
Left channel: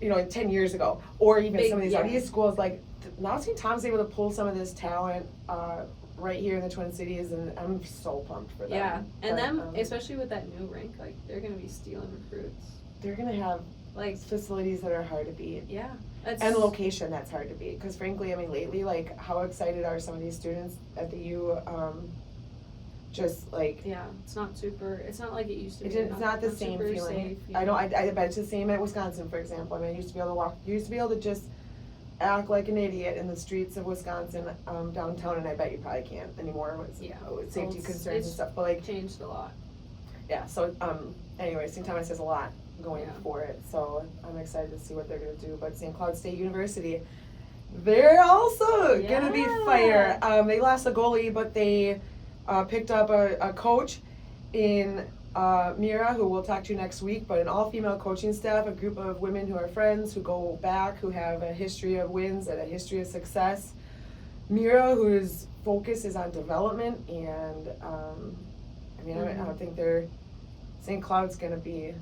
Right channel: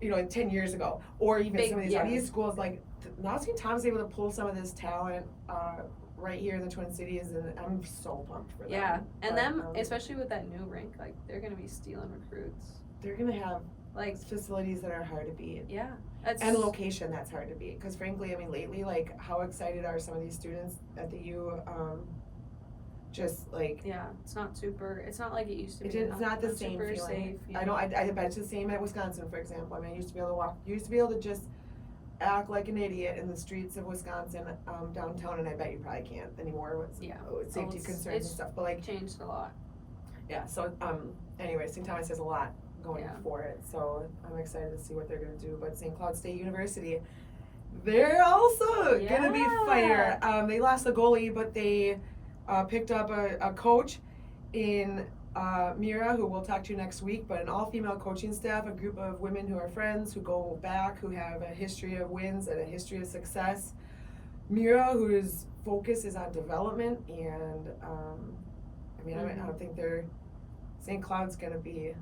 10 years ago, or even Big, some of these yeah. other schools. Like now, St. Tom's able to pull some of this talent right here in the Twin Cities, and I'm so pumped for them. Yeah, and But, them, especially with that new rink, like, they're going to be stealing recruits. they're gonna have Like, facilities that are hard to beat. yeah. That's, And location that's hard to beat, because frankly, I mean, lately, like, how excited are some of these students at the U? Just like yeah, it's not like it used to be. it's not the same super feeling. Safe, I know. I bet it's the same at Wisconsin, for example. I mean, I used to be able to just act like an idiot in the streets of Wisconsin, downtown, and I bet you probably can't anymore with, Yeah. with safety It's- concerns and it's stuff. But like, changed a lot. yeah. So anyway, St. Thomas has a lot going Yeah. for it, so I'm excited to see what they're gonna do. But St. Cloud State University, they're also gonna be fire. They lost a goalie, but they picked up a coach in Mira, who we'll talk to next week, but an all-female coaching staff, a group of women who are friends, who go back, who have a history of wins and a history of success. Mira, whose focus is on development, and I don't think St. Cloud's going to be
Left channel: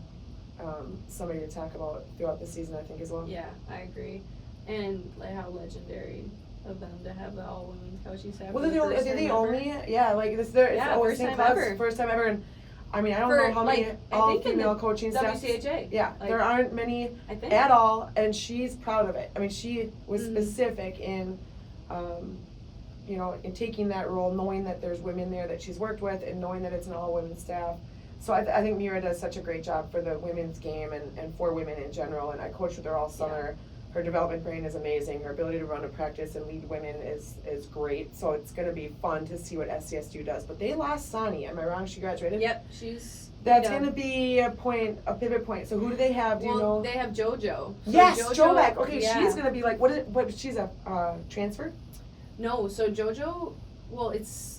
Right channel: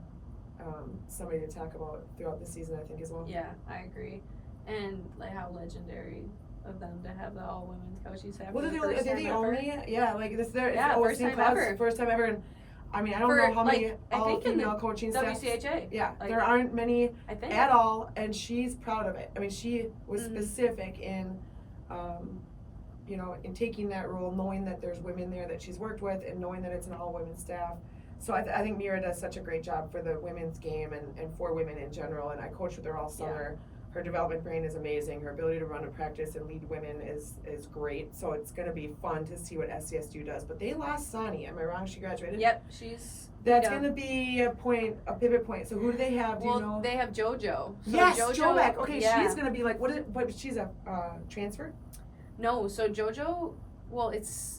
somebody to talk about throughout the season, I think, as well. Yeah, I agree. And like how legendary of them to have the all women's coaching staff. Well, for the first they're time the ever. only, like this. Yeah, first St. time Cloud's ever. First time ever, and I mean, I don't For, know how many like, I all think in the female coaching staffs. WCHA. Yeah, Like, there aren't many I think. at all, and she's proud of it. I mean, she was Mhm. specific in, in taking that role, knowing that there's women there that she's worked with, and knowing that it's an all women staff. So I think Mira does such a great job for the women's game and for women in general. And I coached with her all summer. Her development brain is amazing. Her ability to run a practice and lead women is great. So it's going to be fun to see what SCSU does. But they lost Sani. Am I wrong? She graduated? Yep, she's. That's going to be a pivot point. So who do they have? Do you know? They have JoJo. So Yes, JoJo, Jobeck. Okay, yeah. she's going to be like, what she's a transfer? No, so JoJo,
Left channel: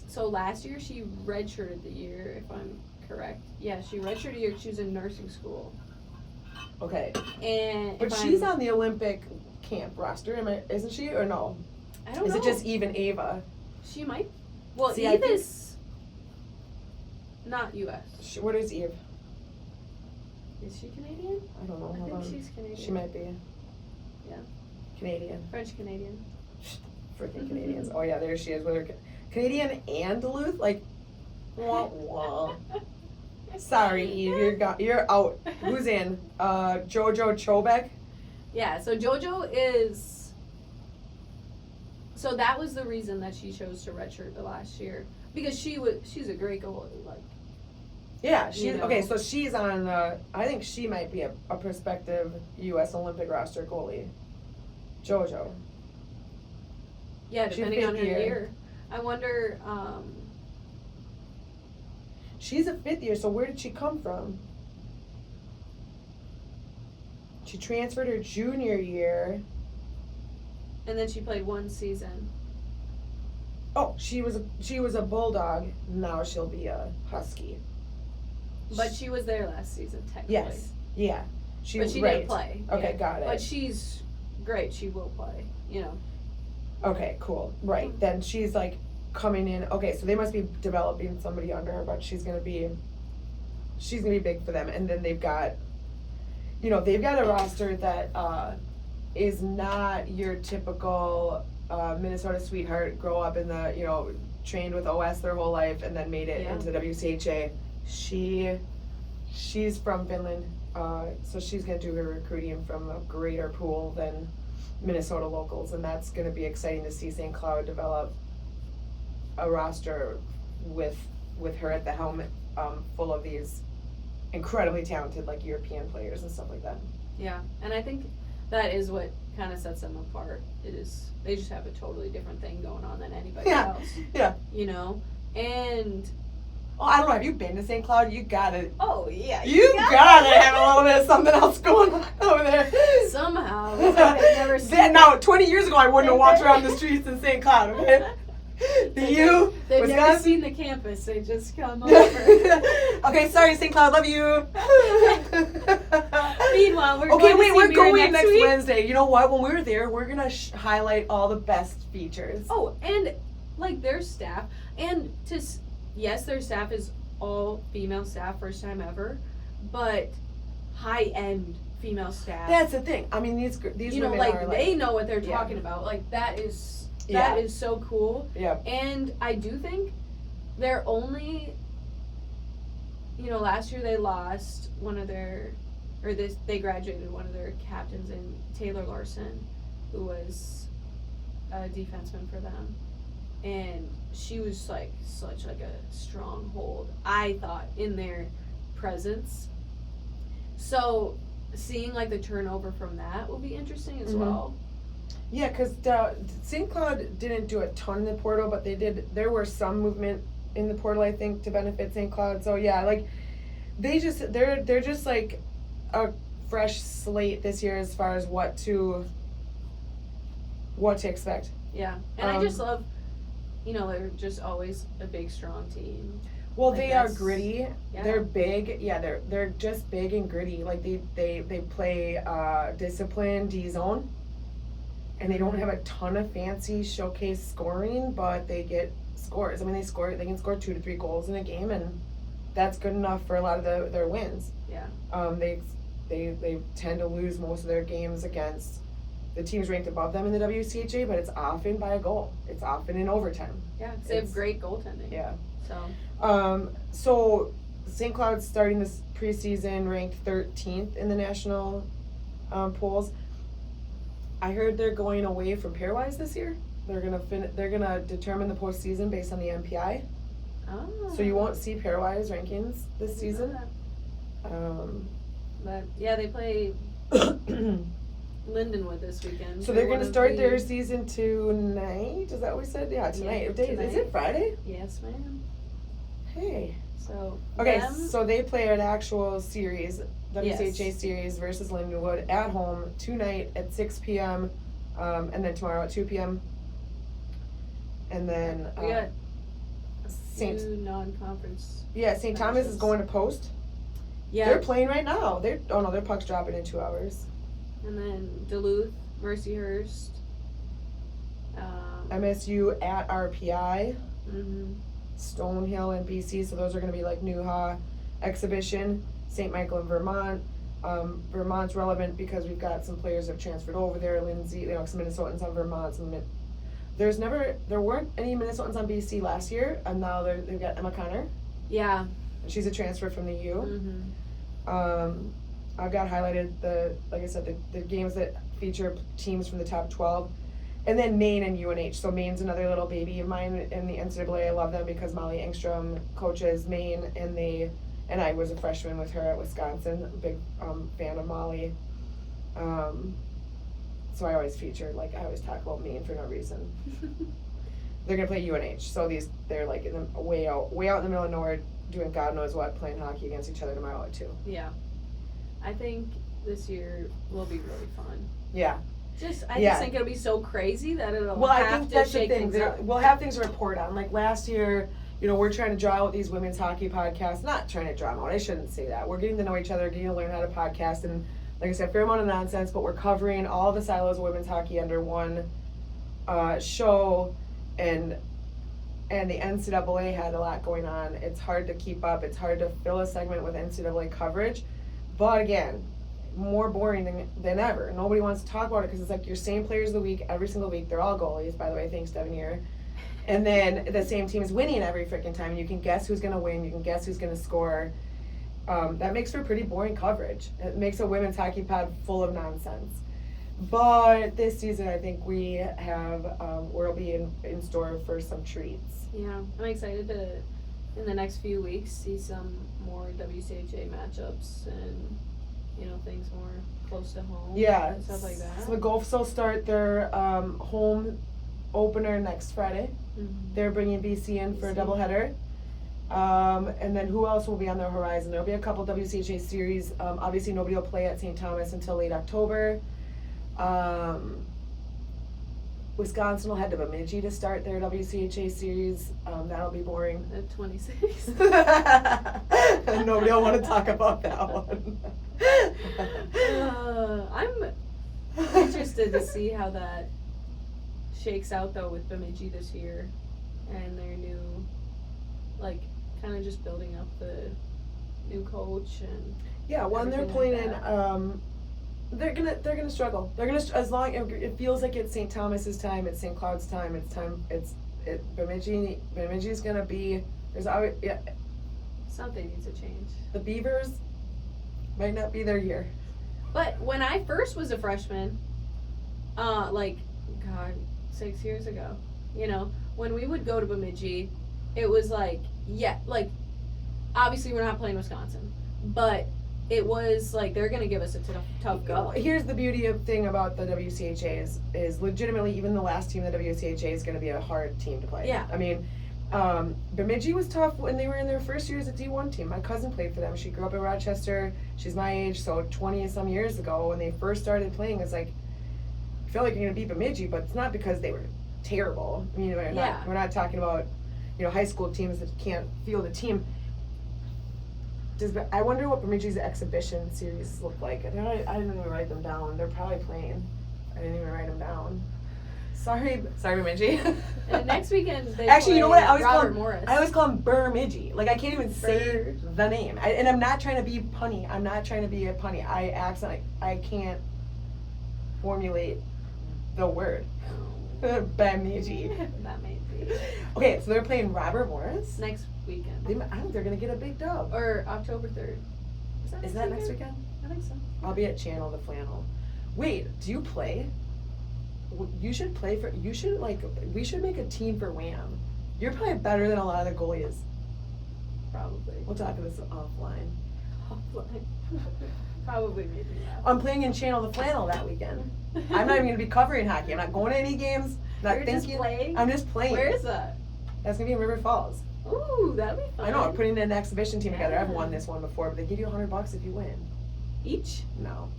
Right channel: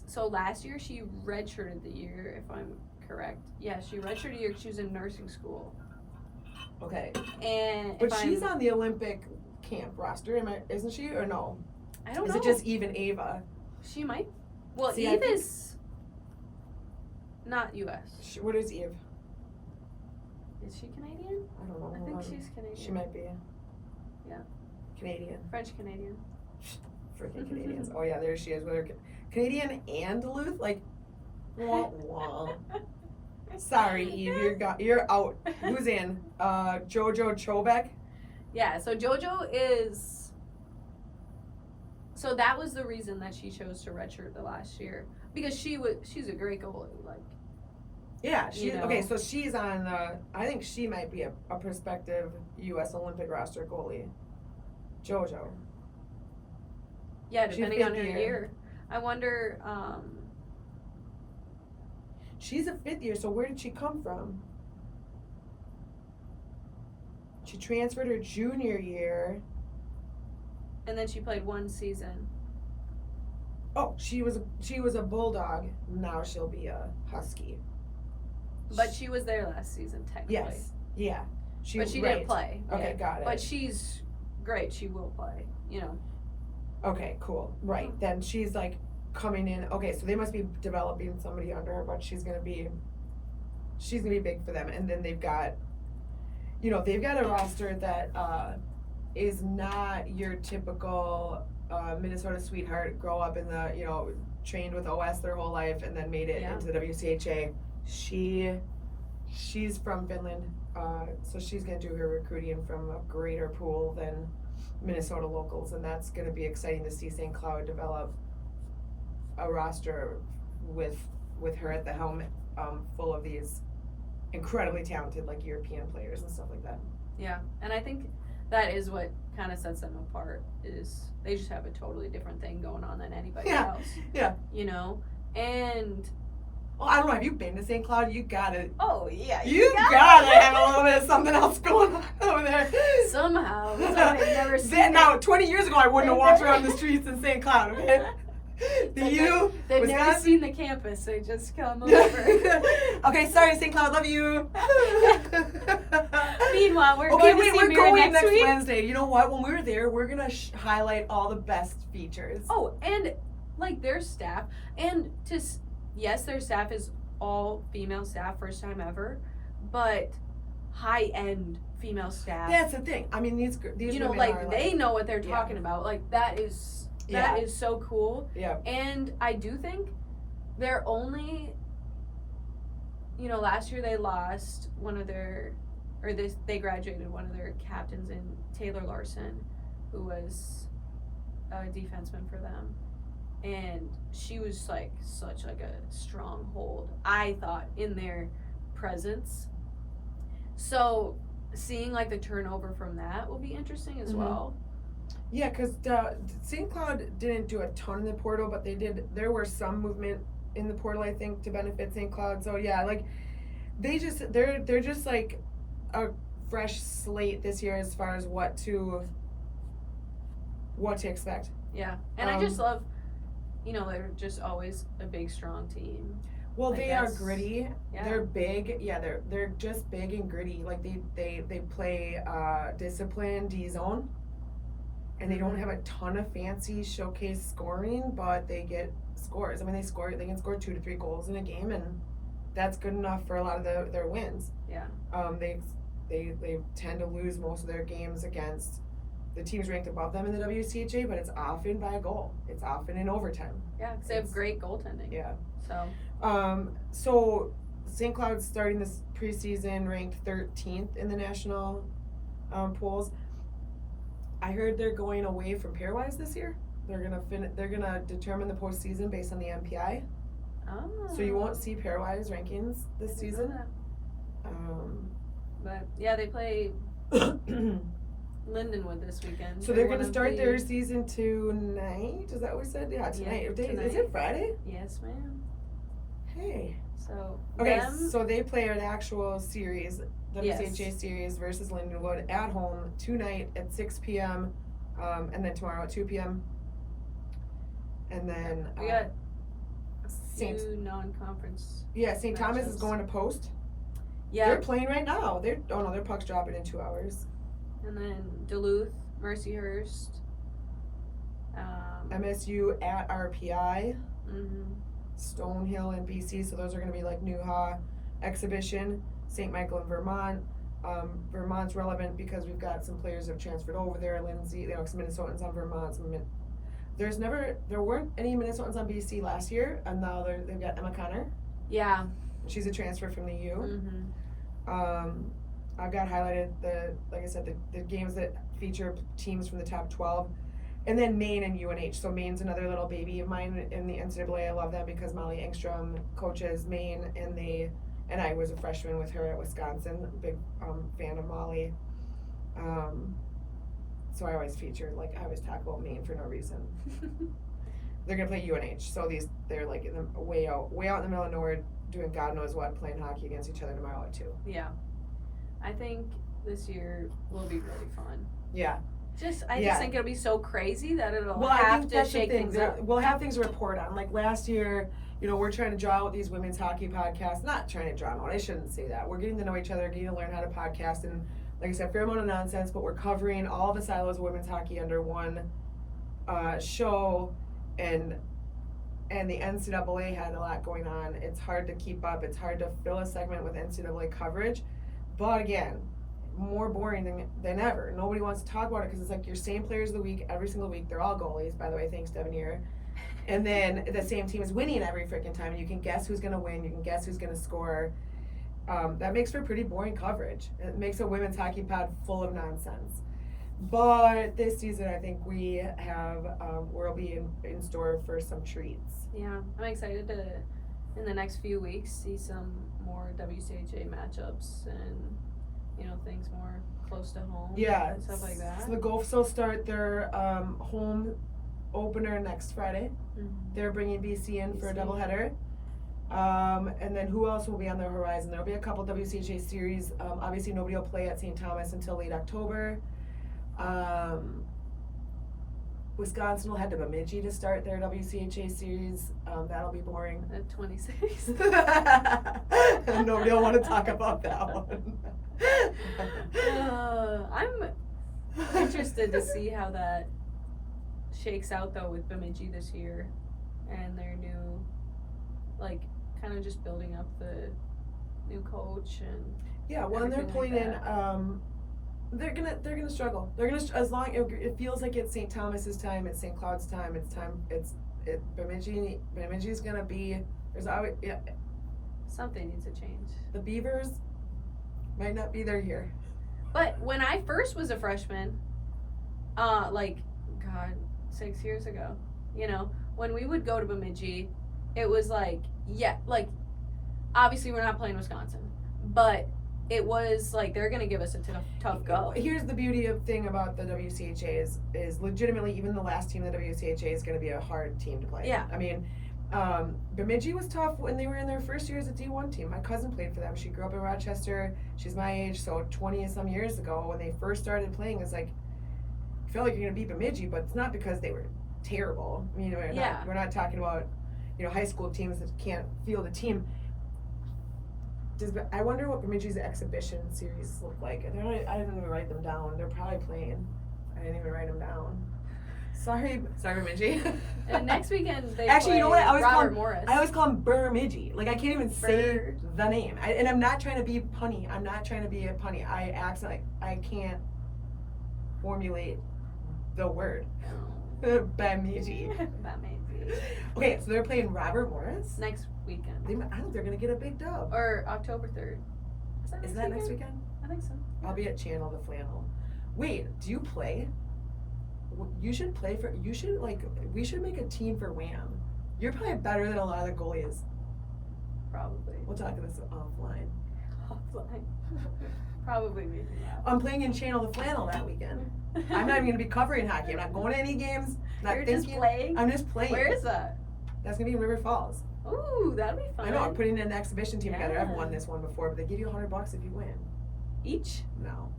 so last year she redshirted the year, if I'm correct. Yeah, she redshirted the year 'cause she was in nursing school. Okay. And But she's on the Olympic camp roster, isn't she? Or no? I don't Is know. it just Eve and Ava? She might. Well, See, I Eve think- is not U.S. Where is Eve? Is she Canadian? I don't know. I Hold think on. she's Canadian. She might be. Yeah. Canadian. French Canadian. Freaking Canadians. Oh yeah, there she is with her Canadian and Duluth. Like, wah wah. Sorry, Eve, you're out. Who's in? JoJo Chobek. Yeah, so JoJo is. So that was the reason that she chose to redshirt the last year, because she's a great goalie. Like, Yeah, she's You know. okay. So she's on. I think she might be a prospective U.S. Olympic roster goalie. JoJo. yeah, She's depending on her fifth year. year. I wonder. She's a fifth year. So where did she come from? She transferred her junior year. And then she played one season. Oh, she was a Bulldog. Now she'll be a Husky. But she was there last season, technically. Yes. Yeah. But she right. didn't play. Okay, yeah. got it. But she's great. She will play. You know. Okay, cool. Right. Then she's like coming in. Okay, so they must be developing somebody under her, but she's gonna be big for them. And then they've got a roster that is not your typical Minnesota sweetheart, grow up in the trained with OS their whole life and then made it Yeah. into the WCHA. She she's from Finland, so she's gonna do her recruiting from a greater pool than Minnesota locals, and that's gonna be exciting to see St. Cloud develop a roster with her at the helm, full of these incredibly talented like European players and stuff like that. Yeah, and I think that is what kind of sets them apart. Is they just have a totally different thing going on than anybody Yeah, else. yeah. You know, and Oh, I don't know. Have you been to St. Cloud? You gotta. oh yeah, You gotta have a little bit of something else going on over there. somehow. It's like they've never seen it. Now, 20 years ago, I wouldn't have walked around the streets in St. Cloud. Okay. You? They've never Wisconsin? seen the campus. They just come over. Okay, sorry, St. Cloud. Love you. Meanwhile, we're Okay, going wait, to see we're Mira going next week. Wednesday. You know what? When we're there, we're gonna highlight all the best features. Oh, and like their staff, and yes, their staff is all female staff, first time ever, but high end female staff. That's the thing. I mean, these you know, women like are they know what they're yeah. talking about. Like that is Yeah. so cool. Yeah. And I do think they're only, you know, last year they lost one of their, they graduated one of their captains in Taylor Larson, who was a defenseman for them. And she was like such like a stronghold, I thought, in their presence. So seeing like the turnover from that will be interesting as Mhm. well. Yeah, because St. Cloud didn't do a ton in the portal, but they did. There were some movement in the portal, I think, to benefit St. Cloud. So yeah, like they're just like a fresh slate this year as far as what to expect. Yeah, and I just love, you know, they're just always a big, strong team. Well, Like they are that's- gritty. Yeah. They're big. Yeah, they're just big and gritty. Like they play disciplined D zone, and they don't have a ton of fancy showcase scoring, but they get scores. I mean, they can score 2 to 3 goals in a game, and that's good enough for a lot of their wins. Yeah. They tend to lose most of their games against the teams ranked above them in the WCHA, but it's often by a goal. It's often in overtime. Yeah, 'cause they have It's- great goaltending. Yeah. So, So St. Cloud's starting this preseason ranked 13th in the national polls. I heard they're going away from pairwise this year. They're gonna determine the postseason based on the MPI. oh. So you won't see pairwise rankings this season. But yeah, they play So Lindenwood this weekend. they're one gonna of start the- their season tonight. Is that what we said? Yeah, tonight. Yeah, What day- Is tonight. it Friday? Yes, ma'am. Hey. So Okay, them, so they play an actual series, WCHA Yes. series versus Lindenwood at home tonight at 6 p.m. And then tomorrow at 2 p.m. And then we got Saint two non-conference. St. Thomas is matches. going to post. Yeah, They're playing right now. Their puck's dropping in 2 hours. and then Duluth, Mercyhurst. MSU at RPI, Mm-hmm. Stonehill and BC. So those are going to be like Newha exhibition. St. Michael and Vermont. Vermont's relevant because we've got some players that have transferred over there. Lindsay, some Minnesotans on Vermont. There weren't any Minnesotans on BC last year, and now they've got Emma Connor. Yeah. She's a transfer from the U. Mm-hmm. I've got highlighted the games that feature teams from the top 12, and then Maine and UNH. So Maine's another little baby of mine in the NCAA. I love them because Molly Engstrom coaches Maine, and I was a freshman with her at Wisconsin. Big fan of Molly. So I always feature, I always talk about Maine for no reason. They're gonna play UNH, so they're like way out in the middle of nowhere, doing God knows what, playing hockey against each other tomorrow at 2. Yeah. I think this year will be really fun. Yeah. I Yeah. just think it'll be so crazy that it'll Well, I have think to that's the shake thing. things up. We'll have things to report on. Like last year, we're trying to draw out these women's hockey podcasts. Not trying to draw them out. I shouldn't say that. We're getting to know each other, getting to learn how to podcast, and like I said, fair amount of nonsense. But we're covering all the silos of women's hockey under one show, and the NCAA had a lot going on. It's hard to keep up. It's hard to fill a segment with NCAA coverage. But again, more boring than ever. Nobody wants to talk about it because it's like your same players of the week every single week. They're all goalies, by the way. Thanks, Devin here. And then the same team is winning every freaking time. You can guess who's going to win. You can guess who's going to score. that makes for pretty boring coverage. It makes a women's hockey pod full of nonsense. But this season, I think we have, we'll be in store for some treats. Yeah, I'm excited to, in the next few weeks, see some more WCHA matchups and, things more close to home. Yeah. And stuff like that. So the Gulfs will start their home opener next Friday. Mhm. They're bringing BC in for a BC. doubleheader. And then who else will be on the horizon? There'll be a couple WCHA series. Obviously, nobody will play at St. Thomas until late October. Wisconsin will head to Bemidji to start their WCHA series. That'll be boring. The 26th. Nobody will want to talk about that one. I'm interested to see how that shakes out though with Bemidji this year and their new, kind of just building up the new coach and Yeah, when they're everything playing like in, they're gonna struggle. They're gonna as long it feels like it's St. Thomas's time, it's St. Cloud's time, Bemidji's gonna be. There's always something needs to change. the Beavers might not be their year. But when I first was a freshman, 6 years ago, when we would go to Bemidji, it was obviously we're not playing Wisconsin, but it was they're gonna give us a tough go. Here's the beauty of thing about the WCHA is legitimately even the last team of the WCHA is gonna be a hard team to play. Yeah. I mean, Bemidji was tough when they were in their first year as a D1 team. My cousin played for them. She grew up in Rochester. She's my age, so 20 some years ago when they first started playing, it's like, I feel like you're gonna beat Bemidji, but it's not because they were terrible. I mean, we're not talking about, high school teams that can't field a team. I wonder what Bemidji's exhibition series look like. I didn't even write them down. They're probably playing. I didn't even write them down. Sorry, Bemidji. And next weekend they Actually, play you know what? I always call him Morris. Bemidji. I can't even say the name. And I'm not trying to be punny. I'm not trying to be a punny. I can't formulate the word. Bemidji. Okay, so they're playing Robert Morris. Next weekend. I think they're gonna get a big dub. Or October 3rd. Is that next weekend? I think so. I'll be at Channel the Flannel. Wait, do you play? You should play for. We should make a team for Wham. You're probably better than a lot of the goalies. Probably. We'll talk about this offline. Probably maybe that. I'm playing in Channel the Flannel that weekend. I'm not even gonna be covering hockey. I'm not going to any games. You're just playing? I'm just playing. Where is that? That's gonna be in River Falls. Ooh, that'd be fun. I know. I'm putting an exhibition team together. I've won this one before, but they give you $100 if you win. Each? No.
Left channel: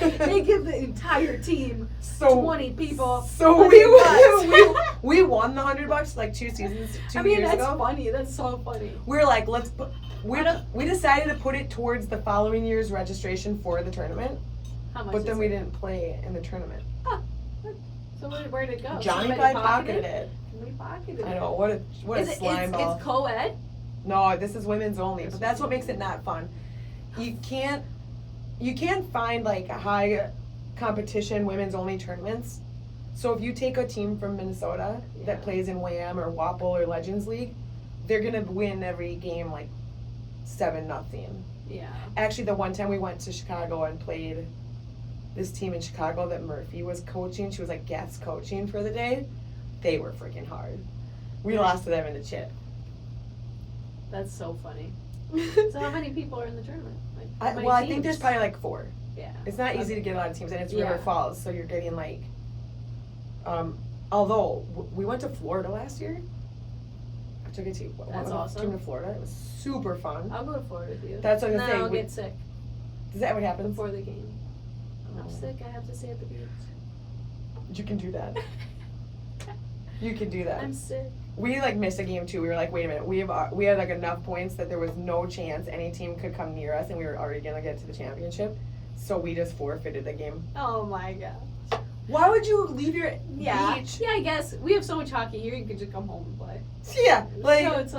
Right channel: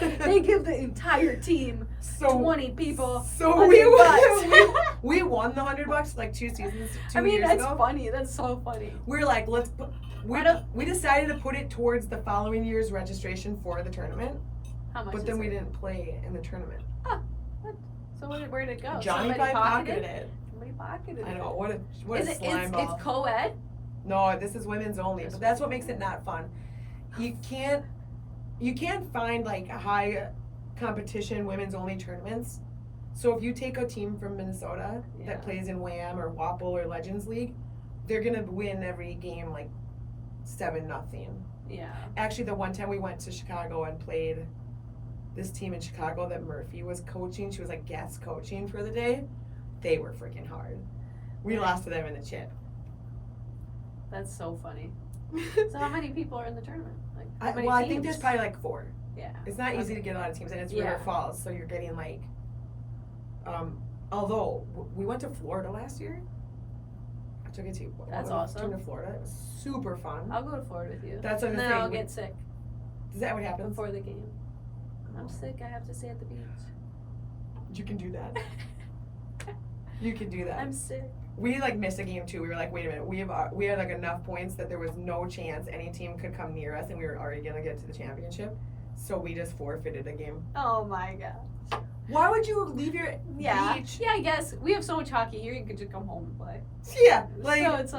They give the entire team 20 people. So we won the $100 like 2 seasons, 2 years ago. That's funny. That's so funny. We were like, we decided to put it towards the following year's registration for the tournament. How much? But then is we it? didn't play in the tournament. So where did it go? Johnny Somebody probably pocketed it. Somebody pocketed it. I know, what a slime ball. It's co-ed? No, this is women's only, but that's what makes it not fun. You can't find high competition women's only tournaments. So if you take a team from Minnesota that plays in WHAM or WoHoPo or Legends League, they're gonna win every game 7-0. Yeah. Actually, the one time we went to Chicago and played this team in Chicago that Murphy was coaching, she was guest coaching for the day. They were freaking hard. We lost to them in the chip. That's so funny. So how many people are in the tournament? How many I teams? think there's probably 4. Yeah. It's not easy to get a lot of teams, and it's River Yeah. Falls, so you're getting although we went to Florida last year. I took a team. That's awesome. Team to Florida. It was super fun. I'll go to Florida with you. That's what and I'm then saying. I'll get sick Is that what happens? before the game. When I'm Oh. sick, I have to stay at the beach. You can do that. You can do that. I'm sick. We missed a game too. We were like, wait a minute. We had enough points that there was no chance any team could come near us, and we were already gonna get to the championship. So we just forfeited the game. Oh my god. Why would you leave your Yeah. beach? Yeah, I guess. We have so much hockey here, you could just come home and play. Yeah, So it's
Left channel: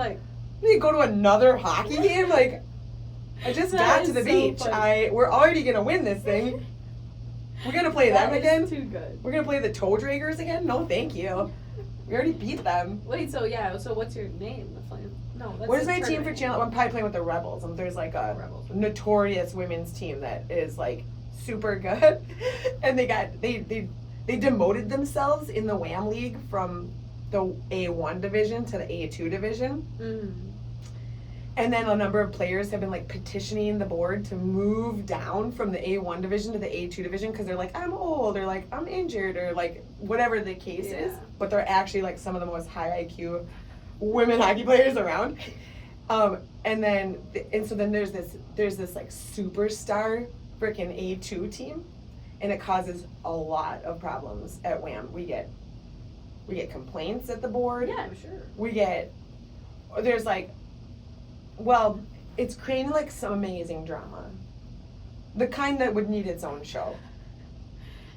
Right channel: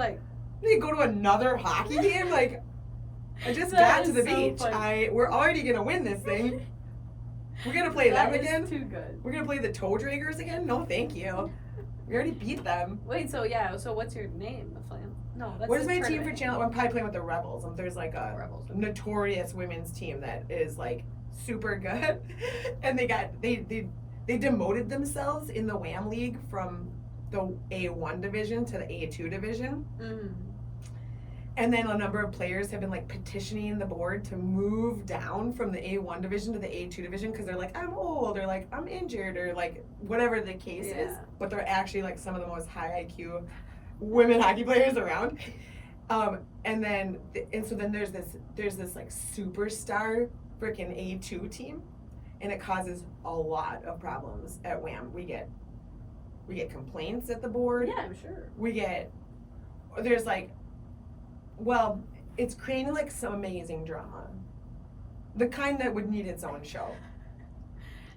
we go to another hockey game. I just That got to is the so beach. funny. We're already gonna win this thing. We're gonna play them that is again. too good. We're gonna play the toe draggers again. No, thank you. We already beat them. Wait, so what's your name? The Flame? No, that's What is the my team for tournament. channel? I'm probably playing with the Rebels. There's like a Rebels. notorious women's team that is like super good, and they demoted themselves in the WHAM league from the A1 division to the A2 division. Mm. And then a number of players have been like petitioning the board to move down from the A1 division to the A2 division because they're like, I'm old, or like, I'm injured, or like whatever the case is. But they're actually like some of the most high IQ women hockey players around. And so then there's this like superstar freaking A2 team, and it causes a lot of problems at WHAM. We get complaints at the board. Yeah, I'm sure. There's like, well, it's creating like some amazing drama. The kind that would need its own show.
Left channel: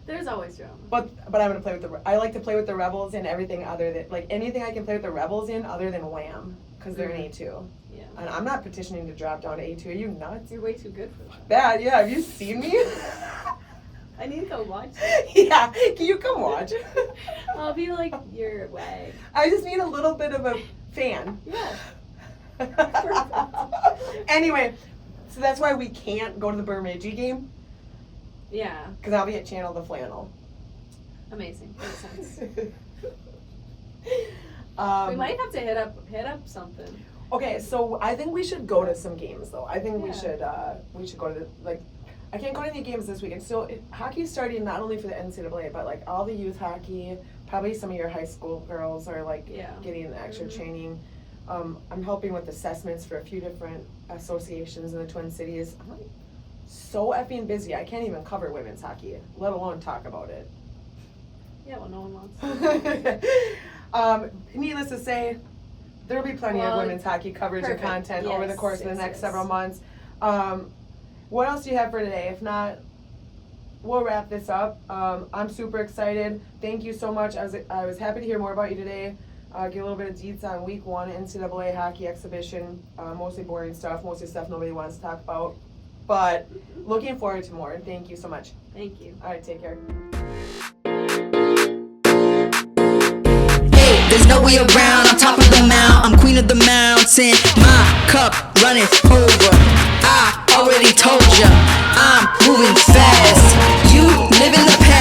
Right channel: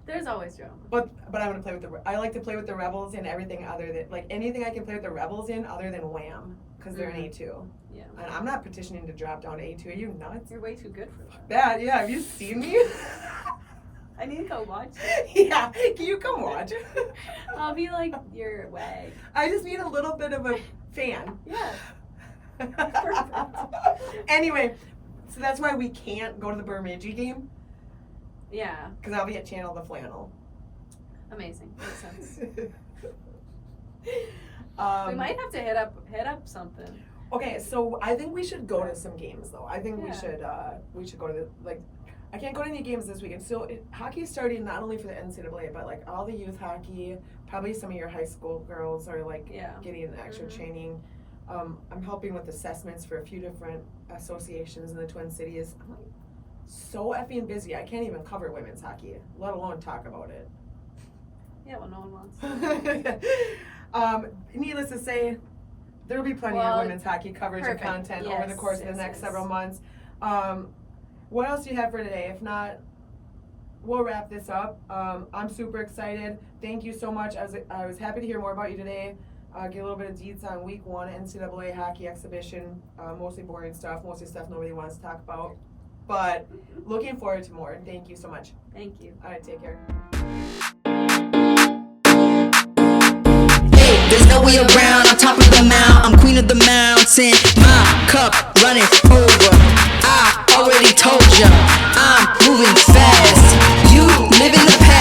There's always drama. But I'm gonna play with I like to play with the Rebels in everything other than, like, anything I can play with the Rebels in other than WHAM, because they're an A2. Yeah. And I'm not petitioning to drop down to A2. Are you nuts? You're way too good for that. That, yeah, have you seen me? I need to go watch. Yeah, can you come watch? I'll be like your wag. I just need a little bit of a fan. Yeah. Anyway, so that's why we can't go to the Bemidji game, Yeah. because I'll be at Channel the Flannel. Amazing. Makes sense. We We might have to hit up something. Okay, so I think we should go to some games though. I think Yeah. we should go to I can't go to any games this weekend. So hockey's starting not only for the NCAA, but like all the youth hockey. Probably some of your high school girls are like getting extra training. I'm helping with assessments for a few different associations in the Twin Cities. I'm so effing busy. I can't even cover women's hockey, let alone talk about it. Yeah, well, no one wants. Needless to say, there will be plenty of Well, women's hockey coverage perfect. and content over the course of the Yes, next yes. several months. What else do you have for today? If not, we'll wrap this up. I'm super excited. Thank you so much. I was happy to hear more about you today. Get a little bit of deets on week 1 NCAA hockey exhibition. Mostly boring stuff, mostly stuff nobody wants to talk about. But looking forward to more. Thank you so much. Thank you. All right, take care. Hey, there's no way around. I'm top of the mount. I'm queen of the mountain. My cup running over. I already told ya, I'm moving fast. You live in the past.